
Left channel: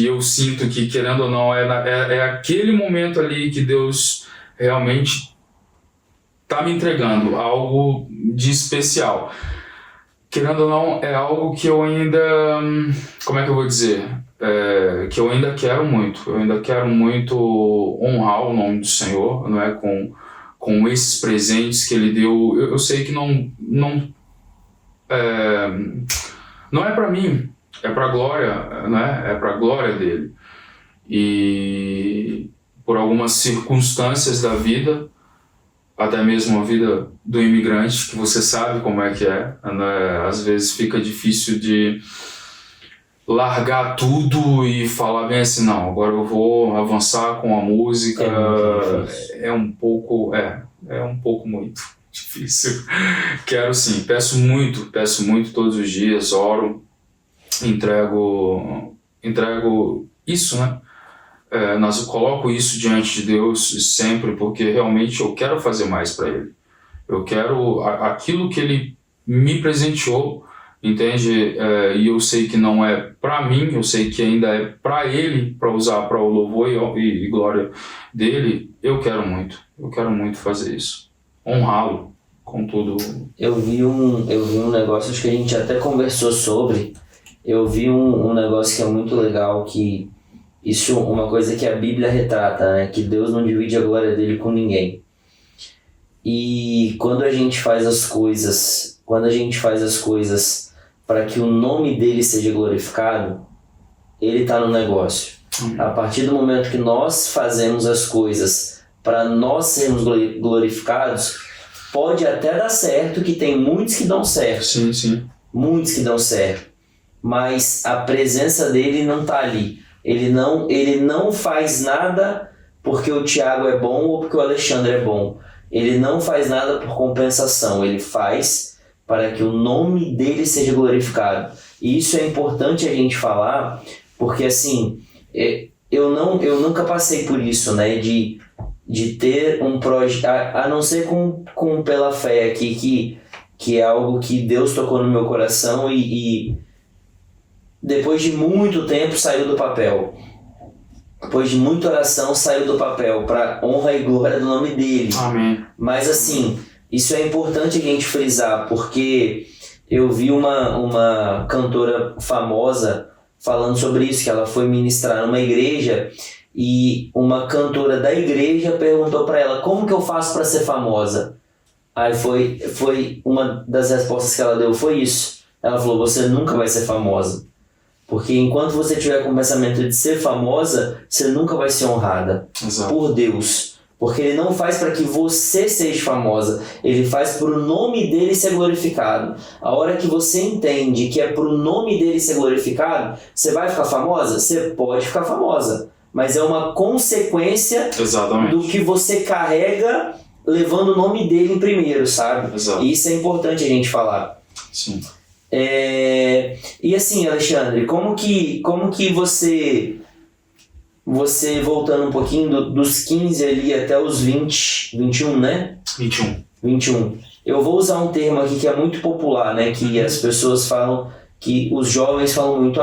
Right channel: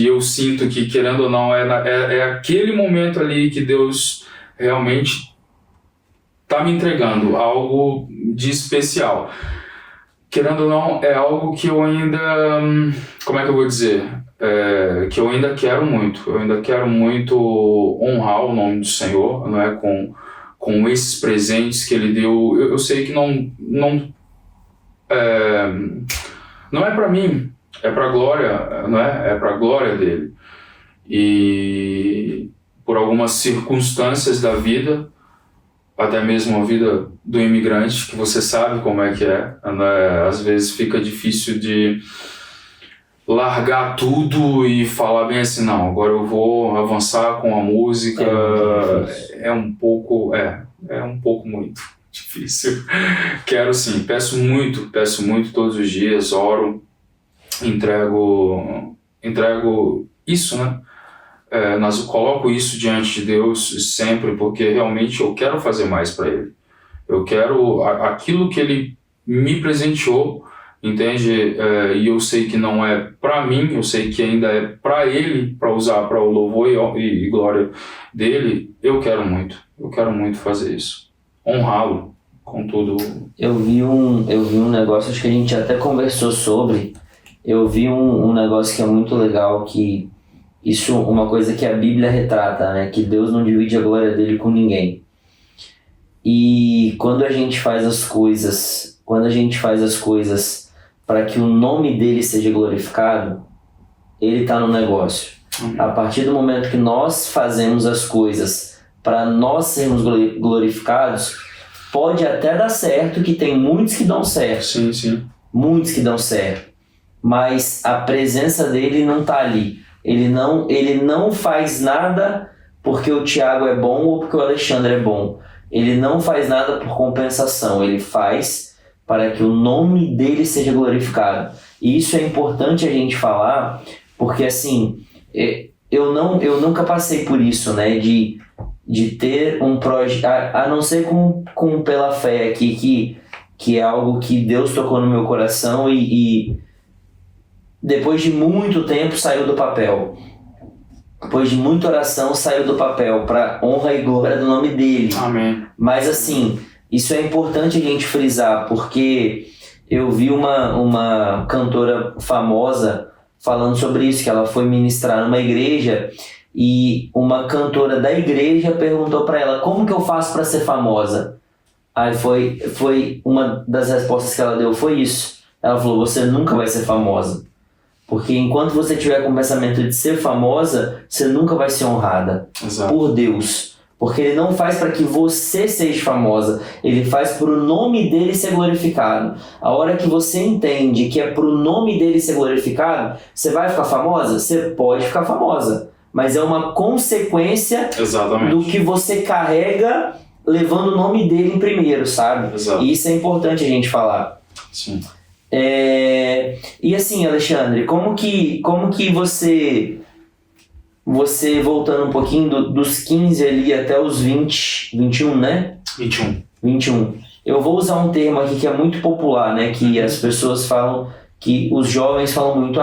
E eu sinto que, querendo ou não, é aquele momento ali que Deus realmente tá me entregando algo de especial. Querendo ou não, é algo que eu ainda... Como é que eu vou dizer? Que eu ainda quero muito. Eu ainda quero muito honrar o nome do Senhor, não é? Com esses presentes que Ele deu. Eu sei que não é para mim, é para a glória, não é? É para a glória dele. E por algumas circunstâncias da vida, até mesmo a vida do imigrante, que você sabe como é que é, né? Às vezes fica difícil de largar tudo e falar bem assim, não, agora eu vou avançar com a música. É um pouco muito difícil. Quero sim, peço muito todos os dias, oro, entrego isso, né? Eu coloco isso diante de Deus sempre, porque realmente eu quero fazer mais para Ele. Eu quero aquilo que Ele me presenteou, entende? E eu sei que não é para mim, eu sei que ainda é para Ele, para usar para o louvor e glória dele. Eu quero muito fazer isso, honrá-lo com tudo. Eu vi um negócio, acho que a gente até conversou sobre. Eu vi um negócio que é muito legal, que isso, uma coisa que a Bíblia retrata, né? Que Deus não divide a glória dele com ninguém. E quando a gente faz as coisas para que o nome dele seja glorificado, ele está no negócio. A partir do momento que nós fazemos as coisas para nós sermos glorificados, pode até dar certo, que tem muitos que dão certo. Sim. Muitos que dão certo. Mas a presença dele não está ali. Ele não faz nada porque o Thiago é bom ou porque o Alexandre é bom. Ele não faz nada por compensação. Ele faz para que o nome dele seja glorificado. E isso é importante a gente falar, porque assim, eu nunca passei por isso, né? De ter um projeto, a não ser com Pela Fé aqui, que é algo que Deus tocou no meu coração e depois de muito tempo saiu do papel. Depois de muita oração saiu do papel, para honra e glória do nome dele. Amém. Mas assim, isso é importante a gente frisar, porque eu vi uma cantora famosa falando sobre isso, que ela foi ministrar numa igreja e uma cantora da igreja perguntou para ela: como que eu faço para ser famosa? Aí foi uma das respostas que ela deu, foi isso. Ela falou: você nunca vai ser famosa. Porque enquanto você tiver com o pensamento de ser famosa, você nunca vai ser honrada. Exato. Por Deus. Porque Ele não faz para que você seja famosa. Ele faz para o nome dele ser glorificado. A hora que você entende que é para o nome dele ser glorificado, você vai ficar famosa? Você pode ficar famosa. Mas é uma consequência Exatamente. do que você carrega levando o nome dele em primeiro, sabe? Exato. E isso é importante a gente falar. Sim. E assim, Alexandre, como que você voltando um pouquinho dos 15 ali até os 21, né? 21. Eu vou usar um termo aqui que é muito popular, né? Que as pessoas falam, que os jovens falam muito:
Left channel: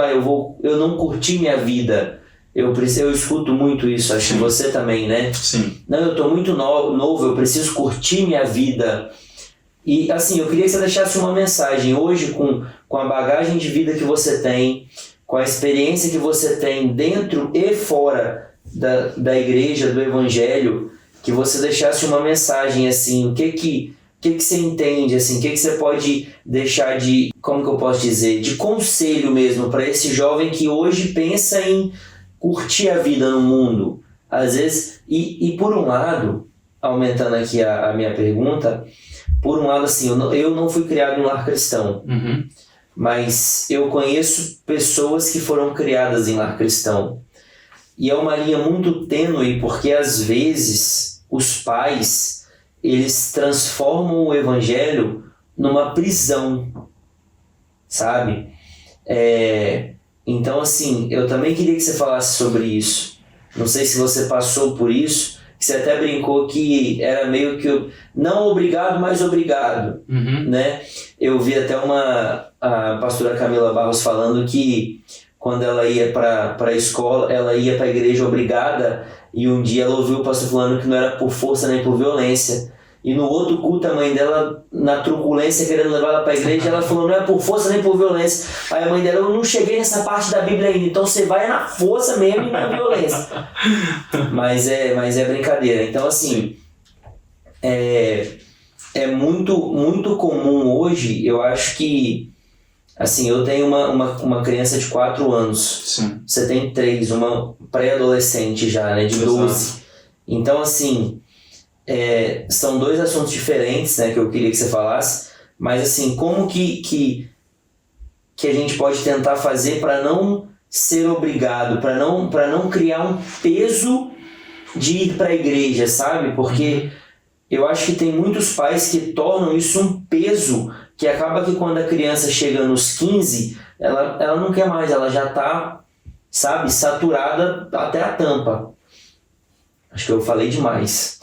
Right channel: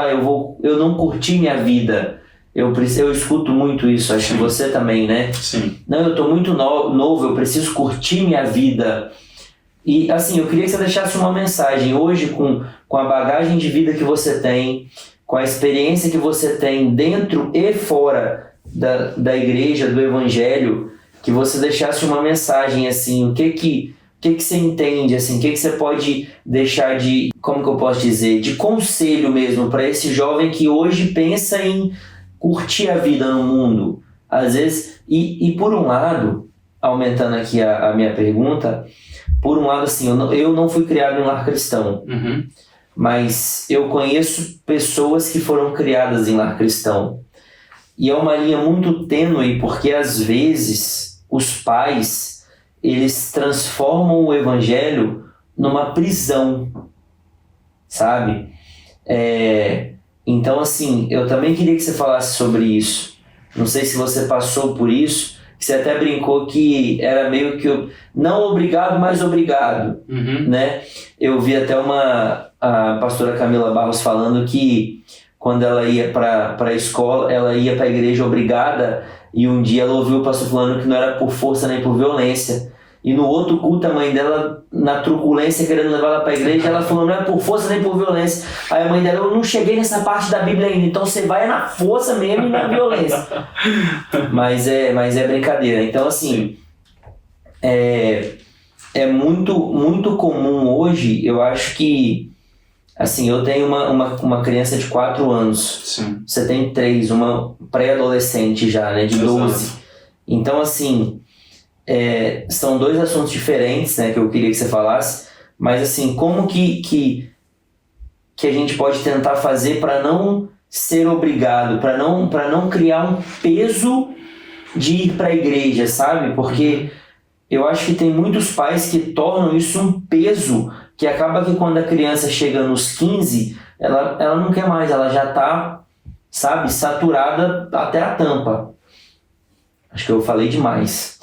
eu não curti minha vida. Eu escuto muito isso, acho que você também, né? Sim. Não, eu tô muito novo, eu preciso curtir minha vida. E assim, eu queria que você deixasse uma mensagem hoje com a bagagem de vida que você tem, com a experiência que você tem dentro e fora da igreja, do evangelho, que você deixasse uma mensagem assim, o que você entende, assim, o que você pode deixar de, como que eu posso dizer, de conselho mesmo para esse jovem que hoje pensa em curtir a vida no mundo, às vezes, e por um lado, aumentando aqui a minha pergunta, por um lado, assim, eu não fui criado em um lar cristão, mas eu conheço pessoas que foram criadas em lar cristão. E é uma linha muito tênue, porque às vezes os pais, eles transformam o evangelho numa prisão, sabe? Então, assim, eu também queria que você falasse sobre isso. Não sei se você passou por isso, que você até brincou que era meio que não obrigado, mas obrigado, né? Eu vi até a pastora Camila Barros falando que quando ela ia para a escola, ela ia para a igreja obrigada, e um dia ela ouviu o pastor falando que não era por força nem por violência. E no outro culto, a mãe dela, na truculência, querendo levar ela para a igreja, ela falou, não é por força nem por violência. Aí a mãe dela, eu não cheguei nessa parte da Bíblia ainda, então você vai na força mesmo e na violência. Mas é brincadeira. Então, assim, é muito comum hoje, eu acho que, assim, eu tenho uma criança de 4 anos, Sim. Você tem 3, uma pré-adolescente já, né, de 12. Então, assim, são 2 assuntos diferentes, né, que eu queria que você falasse, mas, assim, como que a gente pode tentar fazer para não ser obrigado, para não criar um peso de ir para a igreja, sabe? Porque eu acho que tem muitos pais que tornam isso um peso, que acaba que quando a criança chega nos 15, ela não quer mais, ela já está, sabe, saturada até a tampa. Acho que eu falei demais.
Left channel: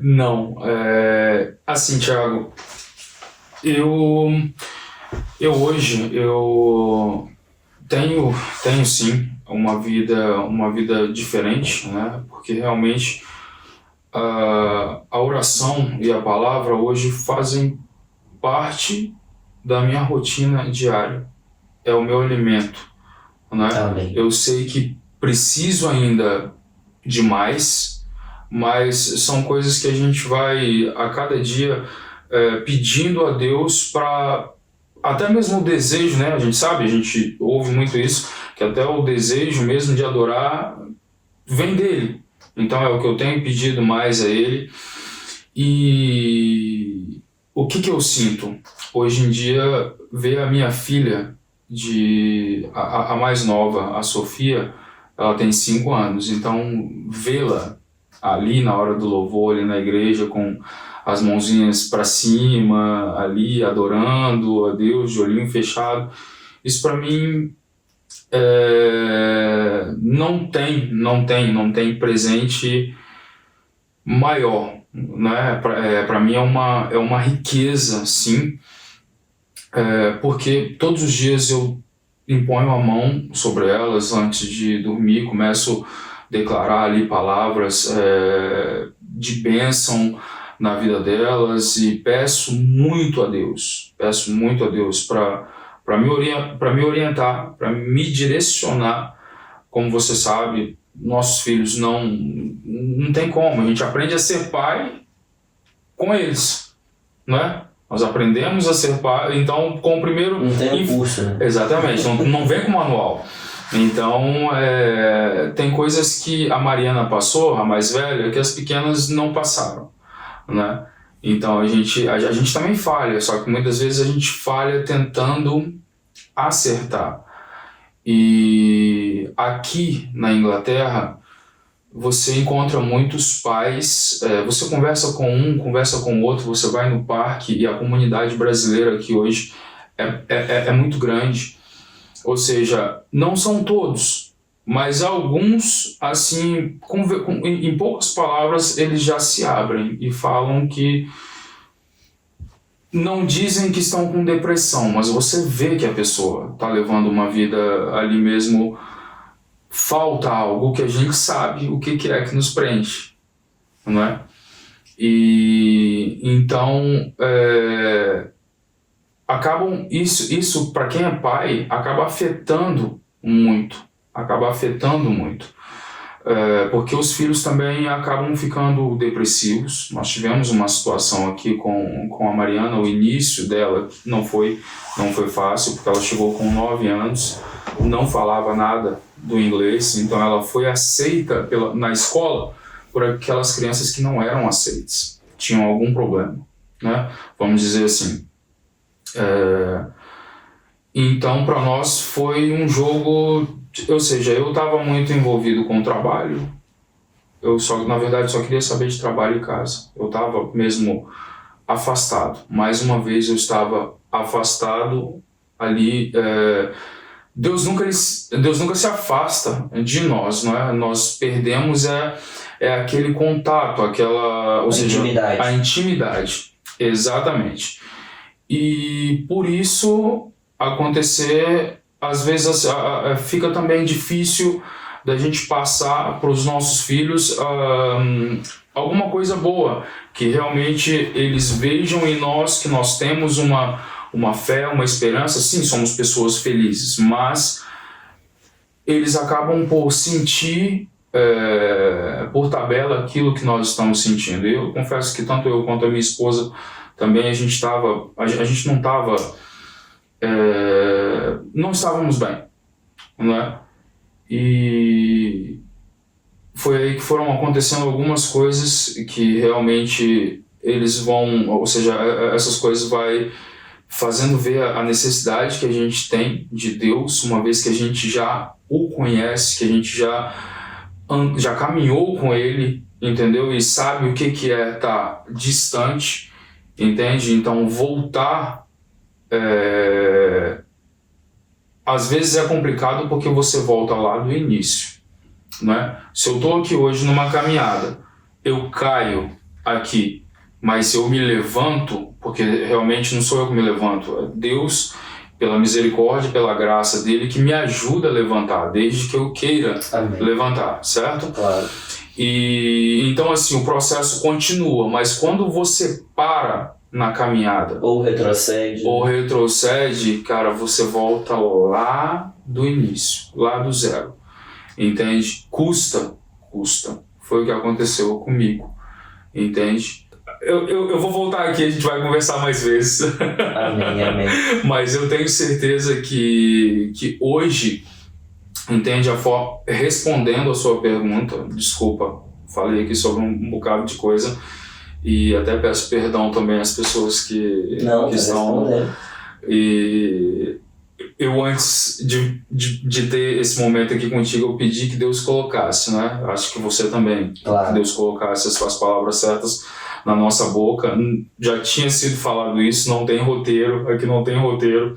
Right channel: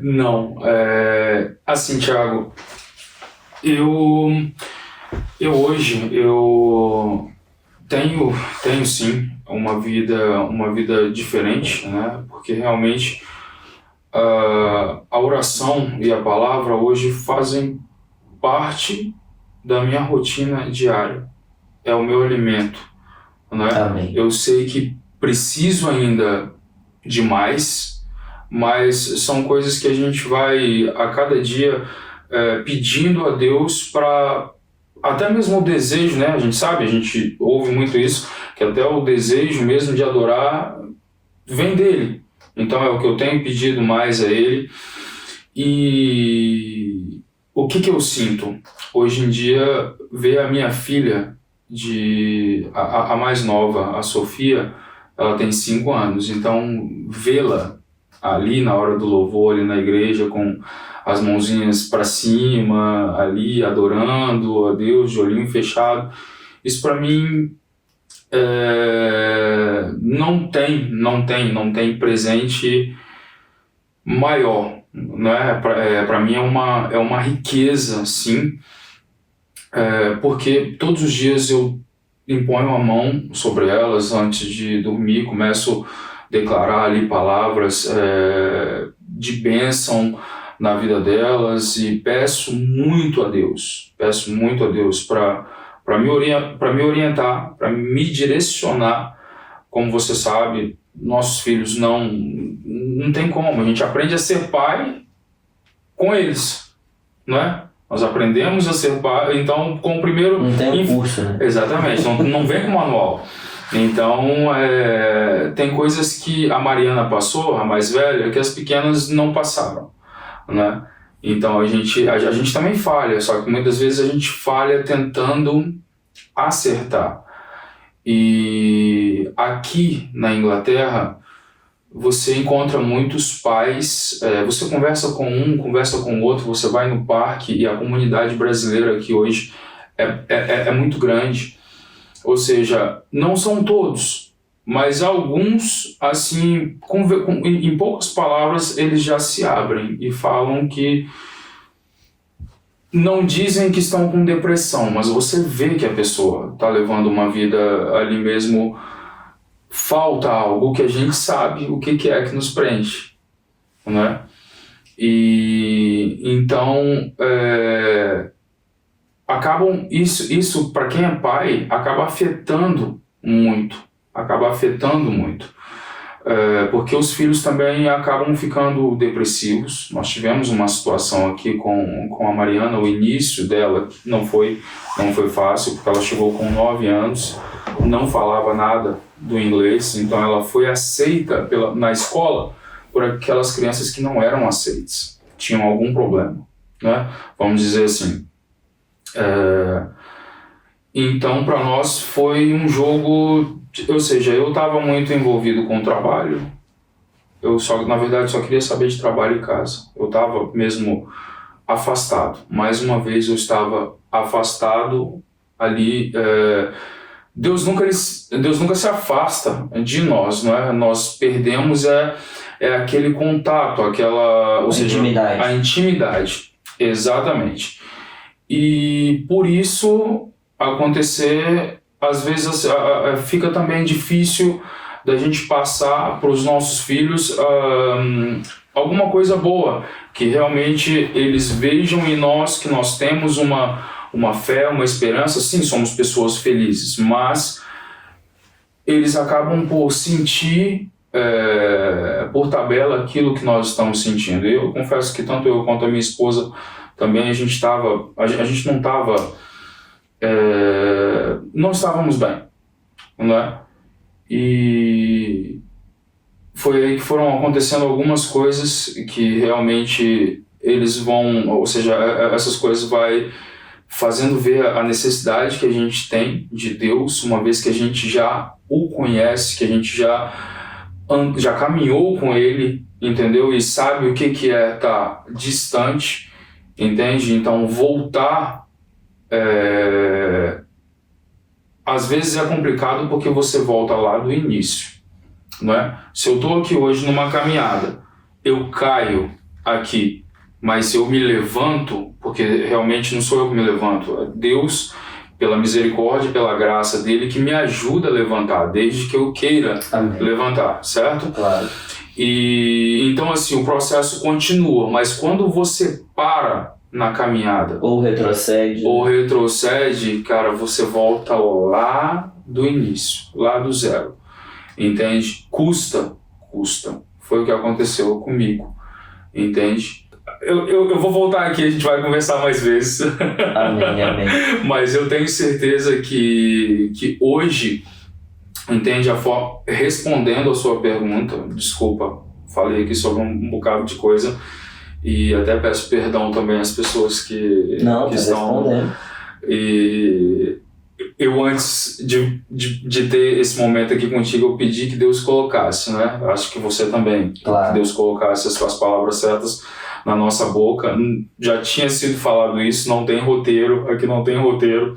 Não, assim, Thiago, eu hoje tenho sim uma vida diferente, né? Porque realmente a oração e a palavra hoje fazem parte da minha rotina diária. É o meu alimento, né? Amém. Eu sei que preciso ainda de mais, mas são coisas que a gente vai a cada dia pedindo a Deus para até mesmo o desejo, né? A gente ouve muito isso, que até o desejo mesmo de adorar vem dele. Então é o que eu tenho pedido mais a ele. E o que eu sinto? Hoje em dia, ver a minha filha, a mais nova, a Sofia, ela tem 5 anos, então vê-la ali na hora do louvor, ali na igreja, com as mãozinhas para cima, ali adorando a Deus, de olhinho fechado, isso para mim não tem presente maior, né? Para mim é uma riqueza, sim, porque todos os dias eu imponho a mão sobre elas antes de dormir, começo a declarar ali palavras de bênção na vida delas e peço muito a Deus para me orientar, para me direcionar. Como você sabe, nossos filhos não tem como, a gente aprende a ser pai com eles, né? Nós aprendemos a ser pai, então com o primeiro... Não tem curso, né? Exatamente, não vem com manual. Então, tem coisas que a Mariana passou, a mais velha, que as pequenas não passaram, né? Então a gente também falha, só que muitas vezes a gente falha tentando acertar. E aqui na Inglaterra você encontra muitos pais, você conversa com um, conversa com o outro, você vai no parque, e a comunidade brasileira aqui hoje é muito grande. Ou seja, não são todos, mas alguns, assim, em poucas palavras, eles já se abrem e falam que não dizem que estão com depressão, mas você vê que a pessoa está levando uma vida ali mesmo, falta algo que a gente sabe o que é que nos preenche, não é? E então isso para quem é pai acaba afetando muito, porque os filhos também acabam ficando depressivos. Nós tivemos uma situação aqui com a Mariana, o início dela não foi fácil, porque ela chegou com 9 anos, não falava nada do inglês, então ela foi aceita na escola por aquelas crianças que não eram aceitas, tinham algum problema, né? Vamos dizer assim. Então para nós foi um jogo, ou seja, eu estava muito envolvido com o trabalho, na verdade só queria saber de trabalho e casa, eu estava mesmo afastado, mais uma vez eu estava afastado ali Deus nunca se afasta de nós, não é? Nós perdemos aquele contato, ou seja, intimidade. A intimidade, exatamente. E por isso acontecer, às vezes fica também difícil da gente passar para os nossos filhos alguma coisa boa, que realmente eles vejam em nós que nós temos uma fé, uma esperança. Sim, somos pessoas felizes, mas eles acabam por sentir por tabela aquilo que nós estamos sentindo. Eu confesso que tanto eu quanto a minha esposa também a gente não estávamos bem, né? E foi aí que foram acontecendo algumas coisas que realmente eles vão, ou seja, essas coisas vai fazendo ver a necessidade que a gente tem de Deus, uma vez que a gente já o conhece, que a gente já caminhou com Ele, entendeu? E sabe o que é estar distante, entende? Então voltar às vezes é complicado porque você volta lá do início, não é? Se eu estou aqui hoje numa caminhada, eu caio aqui, mas eu me levanto, porque realmente não sou eu que me levanto, é Deus, pela misericórdia, pela graça dele, que me ajuda a levantar, desde que eu queira levantar, certo? Claro. E então assim, o processo continua, mas quando você para na caminhada ou retrocede, cara, você volta lá do início, lá do zero, entende? Custa, foi o que aconteceu comigo, entende? Eu vou voltar aqui, a gente vai conversar mais vezes. Amém. Mas eu tenho certeza que hoje, entende, respondendo a sua pergunta, desculpa, falei aqui sobre um bocado de coisa, e até peço perdão também às pessoas que estão... E eu, antes de ter esse momento aqui contigo, eu pedi que Deus colocasse, né? Acho que você também, claro, que Deus colocasse as suas palavras certas na nossa boca. Já tinha sido falado isso, não tem roteiro, aqui não tem roteiro.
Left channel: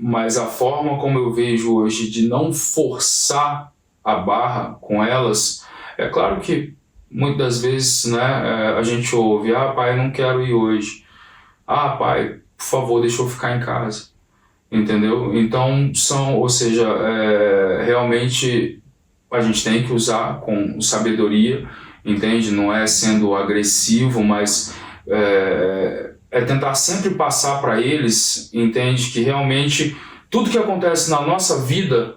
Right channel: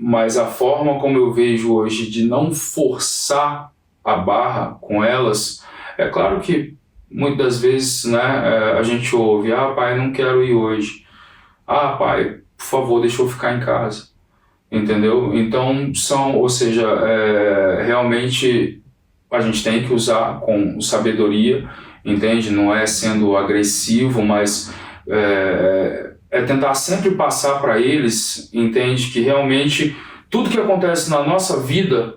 Mas a forma como eu vejo hoje de não forçar a barra com elas, é claro que muitas das vezes, né, a gente ouve: ah, pai, não quero ir hoje. Ah, pai, por favor, deixa eu ficar em casa. Entendeu? Então, realmente a gente tem que usar com sabedoria, entende? Não é sendo agressivo, mas é tentar sempre passar para eles, entende? Que realmente tudo que acontece na nossa vida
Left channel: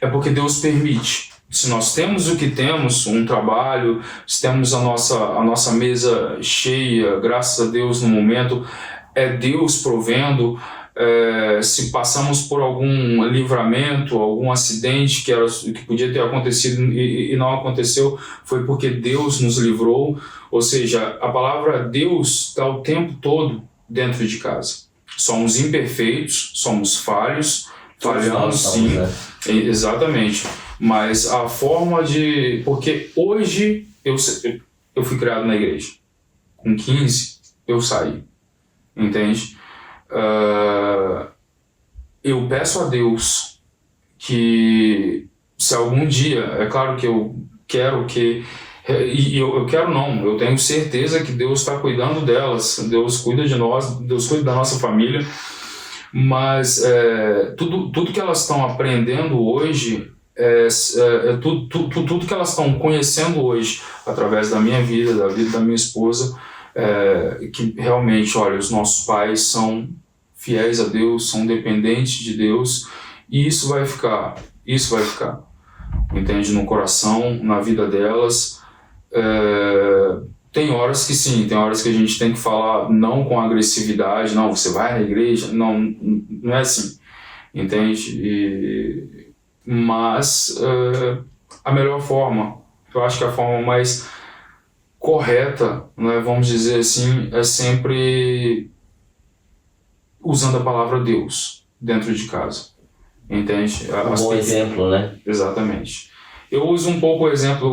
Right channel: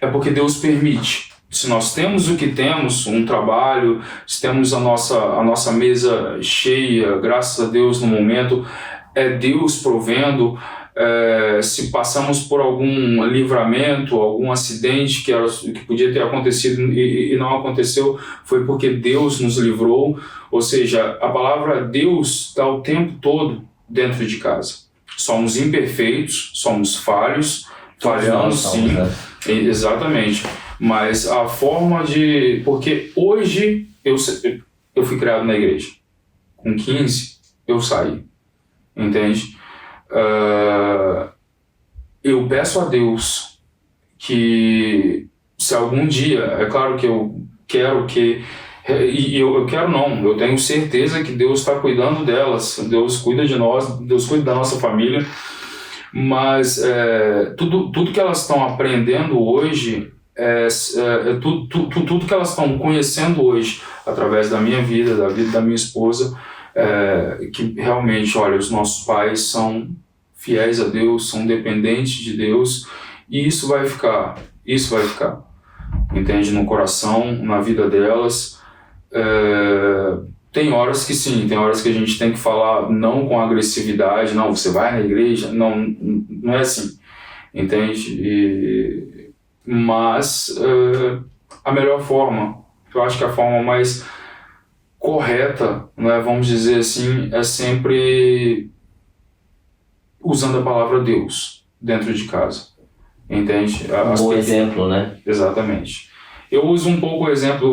é porque Deus permite. Se nós temos o que temos, um trabalho, se temos a nossa mesa cheia, graças a Deus no momento, é Deus provendo. Se passamos por algum livramento, algum acidente que podia ter acontecido e não aconteceu, foi porque Deus nos livrou. Ou seja, a palavra Deus está o tempo todo dentro de casa. Somos imperfeitos, somos falhos, falhamos sim, exatamente. Mas a forma de... Porque hoje eu fui criado na igreja. Com 15 eu saí, entende? Eu peço a Deus que, se algum dia, é claro que eu quero que... E eu quero não, eu tenho certeza que Deus está cuidando delas, Deus cuida de nós, Deus cuida da nossa família, mas tudo que elas estão aprendendo hoje, tudo que elas estão conhecendo hoje, através da minha vida, da vida da minha esposa, que realmente, olha, os nossos pais são fiéis a Deus, são dependentes de Deus, e isso vai ficar, entende, no coração, na vida delas. Tem horas que sim, tem horas que a gente tem que falar não com agressividade, não, você vai na igreja, não é assim, entende? Mas a melhor forma, eu acho que a forma mais correta, né, vamos dizer assim, é sempre usando a palavra Deus dentro de casa, entende? Um bom exemplo, né? Exatamente. Eu uso um pouco o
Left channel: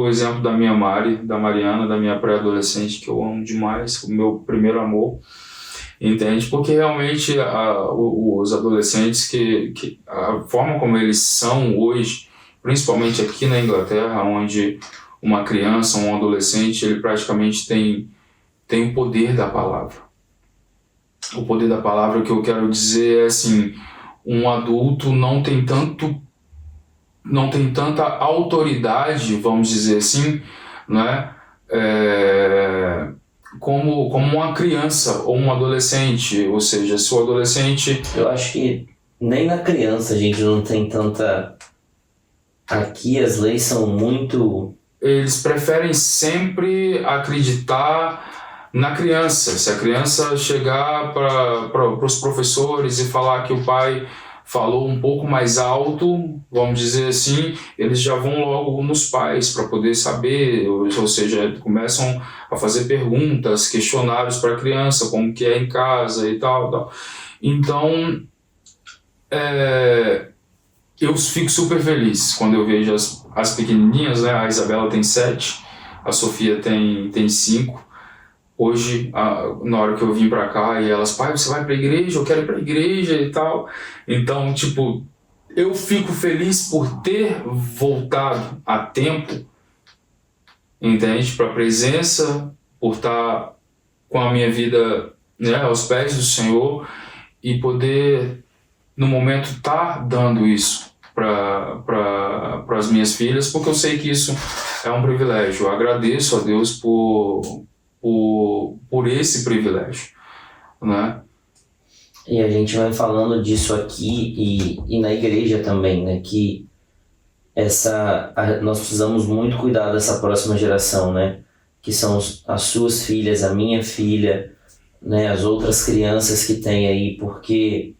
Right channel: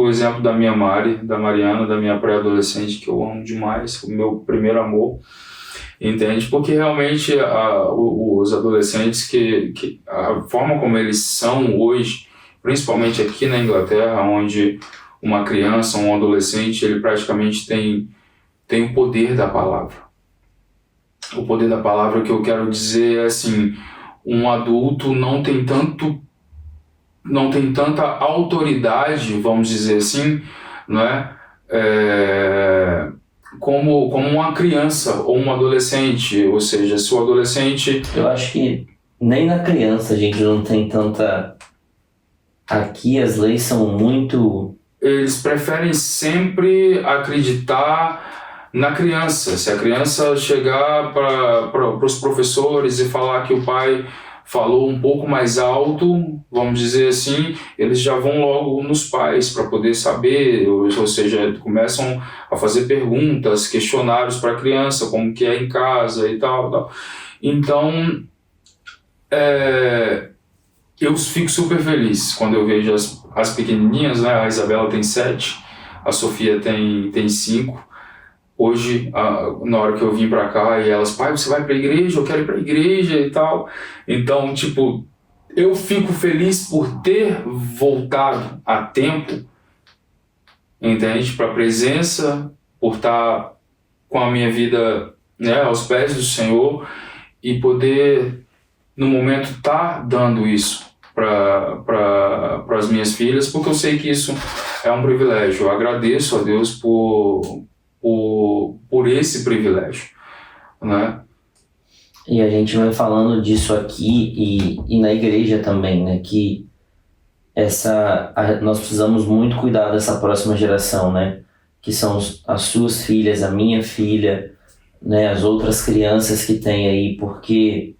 exemplo da minha Mari, da Mariana, da minha pré-adolescente, que eu amo demais, o meu primeiro amor. Entende? Porque realmente os adolescentes, que a forma como eles são hoje, principalmente aqui na Inglaterra, onde uma criança, um adolescente, ele praticamente tem o poder da palavra. O poder da palavra, que eu quero dizer é assim, um adulto não tem tanta autoridade, vamos dizer assim, né? Como uma criança ou um adolescente. Ou seja, se o adolescente... Eu acho que nem na criança a gente não tem tanta... Aqui as leis são muito... Eles preferem sempre acreditar na criança. Se a criança chegar para os professores e falar que o pai falou um pouco mais alto, vamos dizer assim, eles já vão logo nos pais para poder saber, ou seja, começam a fazer perguntas, questionários para a criança, como que é em casa e tal. Então, eu fico super feliz quando eu vejo as pequenininhas, né? A Isabela tem 7, a Sofia tem 5. Hoje, na hora que eu vim pra cá, e elas, pai, você vai pra igreja? Eu quero ir pra igreja e tal. Então, tipo, eu fico feliz por ter voltado a tempo, entende? Pra presença, por estar com a minha vida, né, aos pés do Senhor, e poder, no momento, estar dando isso para as minhas filhas, porque eu sei que isso é um privilégio. Eu agradeço a Deus por esse privilégio, né? E a gente vai falando disso aqui e na igreja também, né? Que nós precisamos muito cuidar dessa próxima geração, né? Que são as suas filhas, a minha filha, né? As outras crianças que tem aí, porque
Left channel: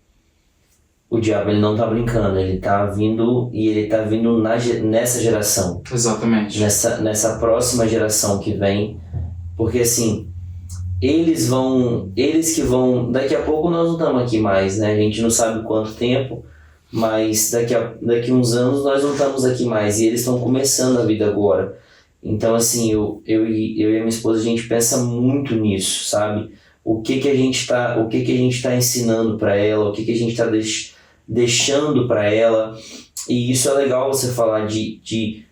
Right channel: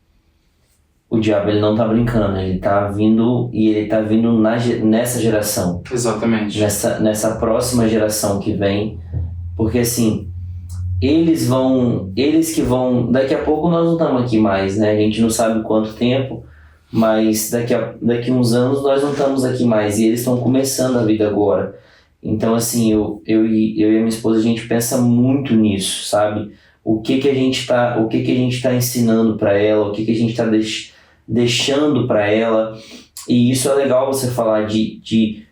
o diabo, ele não tá brincando, ele tá vindo, e ele tá vindo nessa geração. Exatamente. Nessa próxima geração que vem, porque assim, eles que vão, daqui a pouco nós não estamos aqui mais, né? A gente não sabe quanto tempo, mas daqui uns anos nós não estamos aqui mais, e eles estão começando a vida agora. Então assim, eu e a minha esposa, a gente pensa muito nisso, sabe? O que a gente tá ensinando para ela, o que a gente tá deixando para ela. E isso é legal você falar de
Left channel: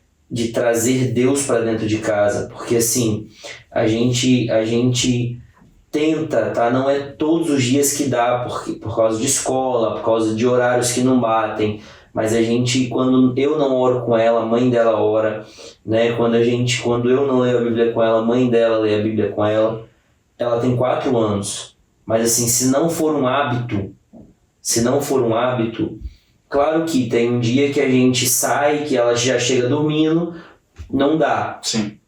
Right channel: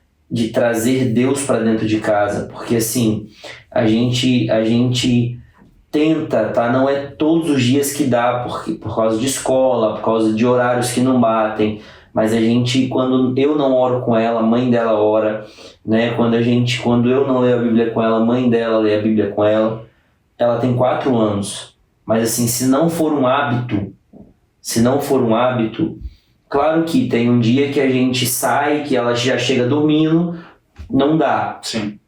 trazer Deus para dentro de casa, porque assim, a gente tenta, tá? Não é todos os dias que dá, por causa de escola, por causa de horários que não batem, mas a gente, quando eu não oro com ela, a mãe dela ora, né? Quando eu não leio a Bíblia com ela, a mãe dela lê a Bíblia com ela. Ela tem 4 anos, mas assim, se não for um hábito, claro que tem um dia que a gente sai, que ela já chega dormindo, não dá. Sim.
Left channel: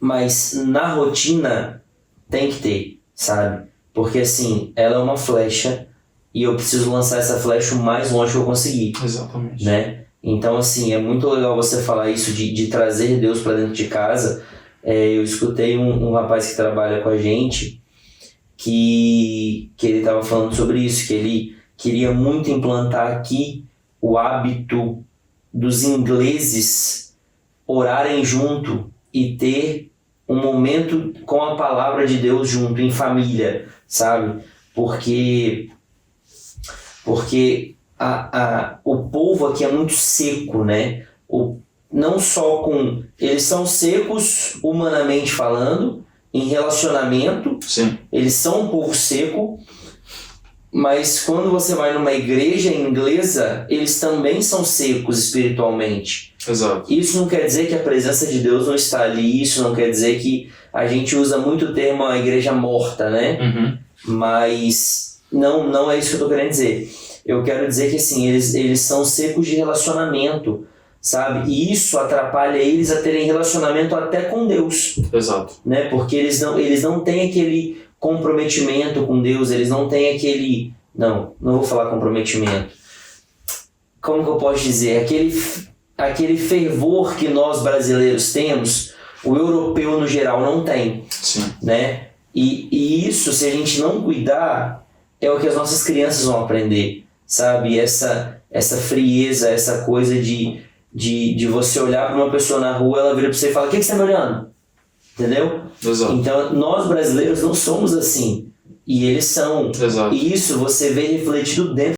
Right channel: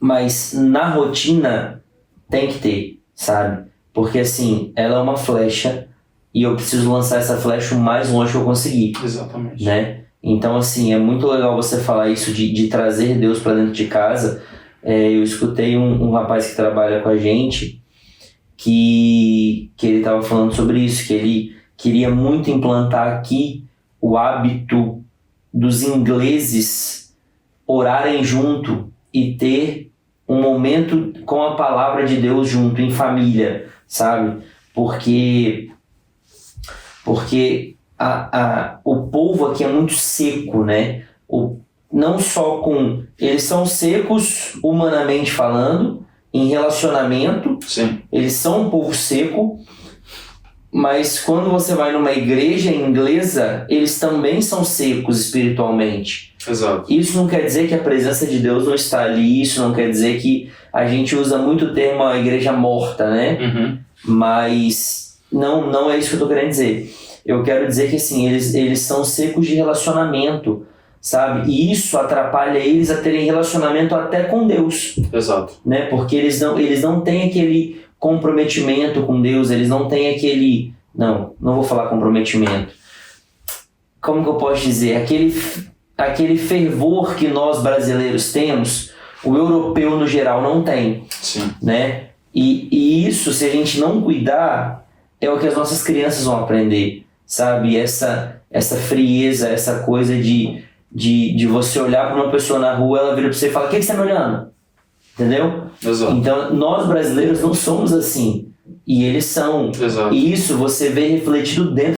Mas na rotina tem que ter, sabe? Porque assim, ela é uma flecha e eu preciso lançar essa flecha o mais longe que eu conseguir. Exatamente. Né? Então assim, é muito legal você falar isso de trazer Deus para dentro de casa. Eu escutei um rapaz que trabalha com a gente que ele estava falando sobre isso, que ele queria muito implantar aqui o hábito dos ingleses orarem junto e ter um momento com a palavra de Deus junto, em família, sabe? Porque o povo aqui é muito seco, né? Não só com... Eles são secos, humanamente falando, em relacionamento. Sim. Eles são um povo seco, mas quando você vai numa igreja inglesa, eles também são secos espiritualmente. Exato. Isso não quer dizer que a presença de Deus não está ali, isso não quer dizer que a gente usa muito o termo a igreja morta, né? Uhum. Mas não é isso que eu estou querendo dizer. Eu quero dizer que assim, eles são secos de relacionamento, sabe? E isso atrapalha eles a terem relacionamento até com Deus. Exato. Né? Porque eles não têm aquele comprometimento com Deus, eles não têm aquele... Não vou falar comprometimento. Como que eu posso dizer? Aquele fervor que nós brasileiros temos, o europeu no geral não tem. Sim. Né? E isso, se a gente não cuidar, é o que as nossas crianças vão aprender, sabe? Essa frieza, essa coisa de você olhar para uma pessoa na rua, ela vira para você e fala: o que você está me olhando? Entendeu? Exato. Então, nós brasileiros não somos assim. E eles são. Exato. E isso você vê refletido dentro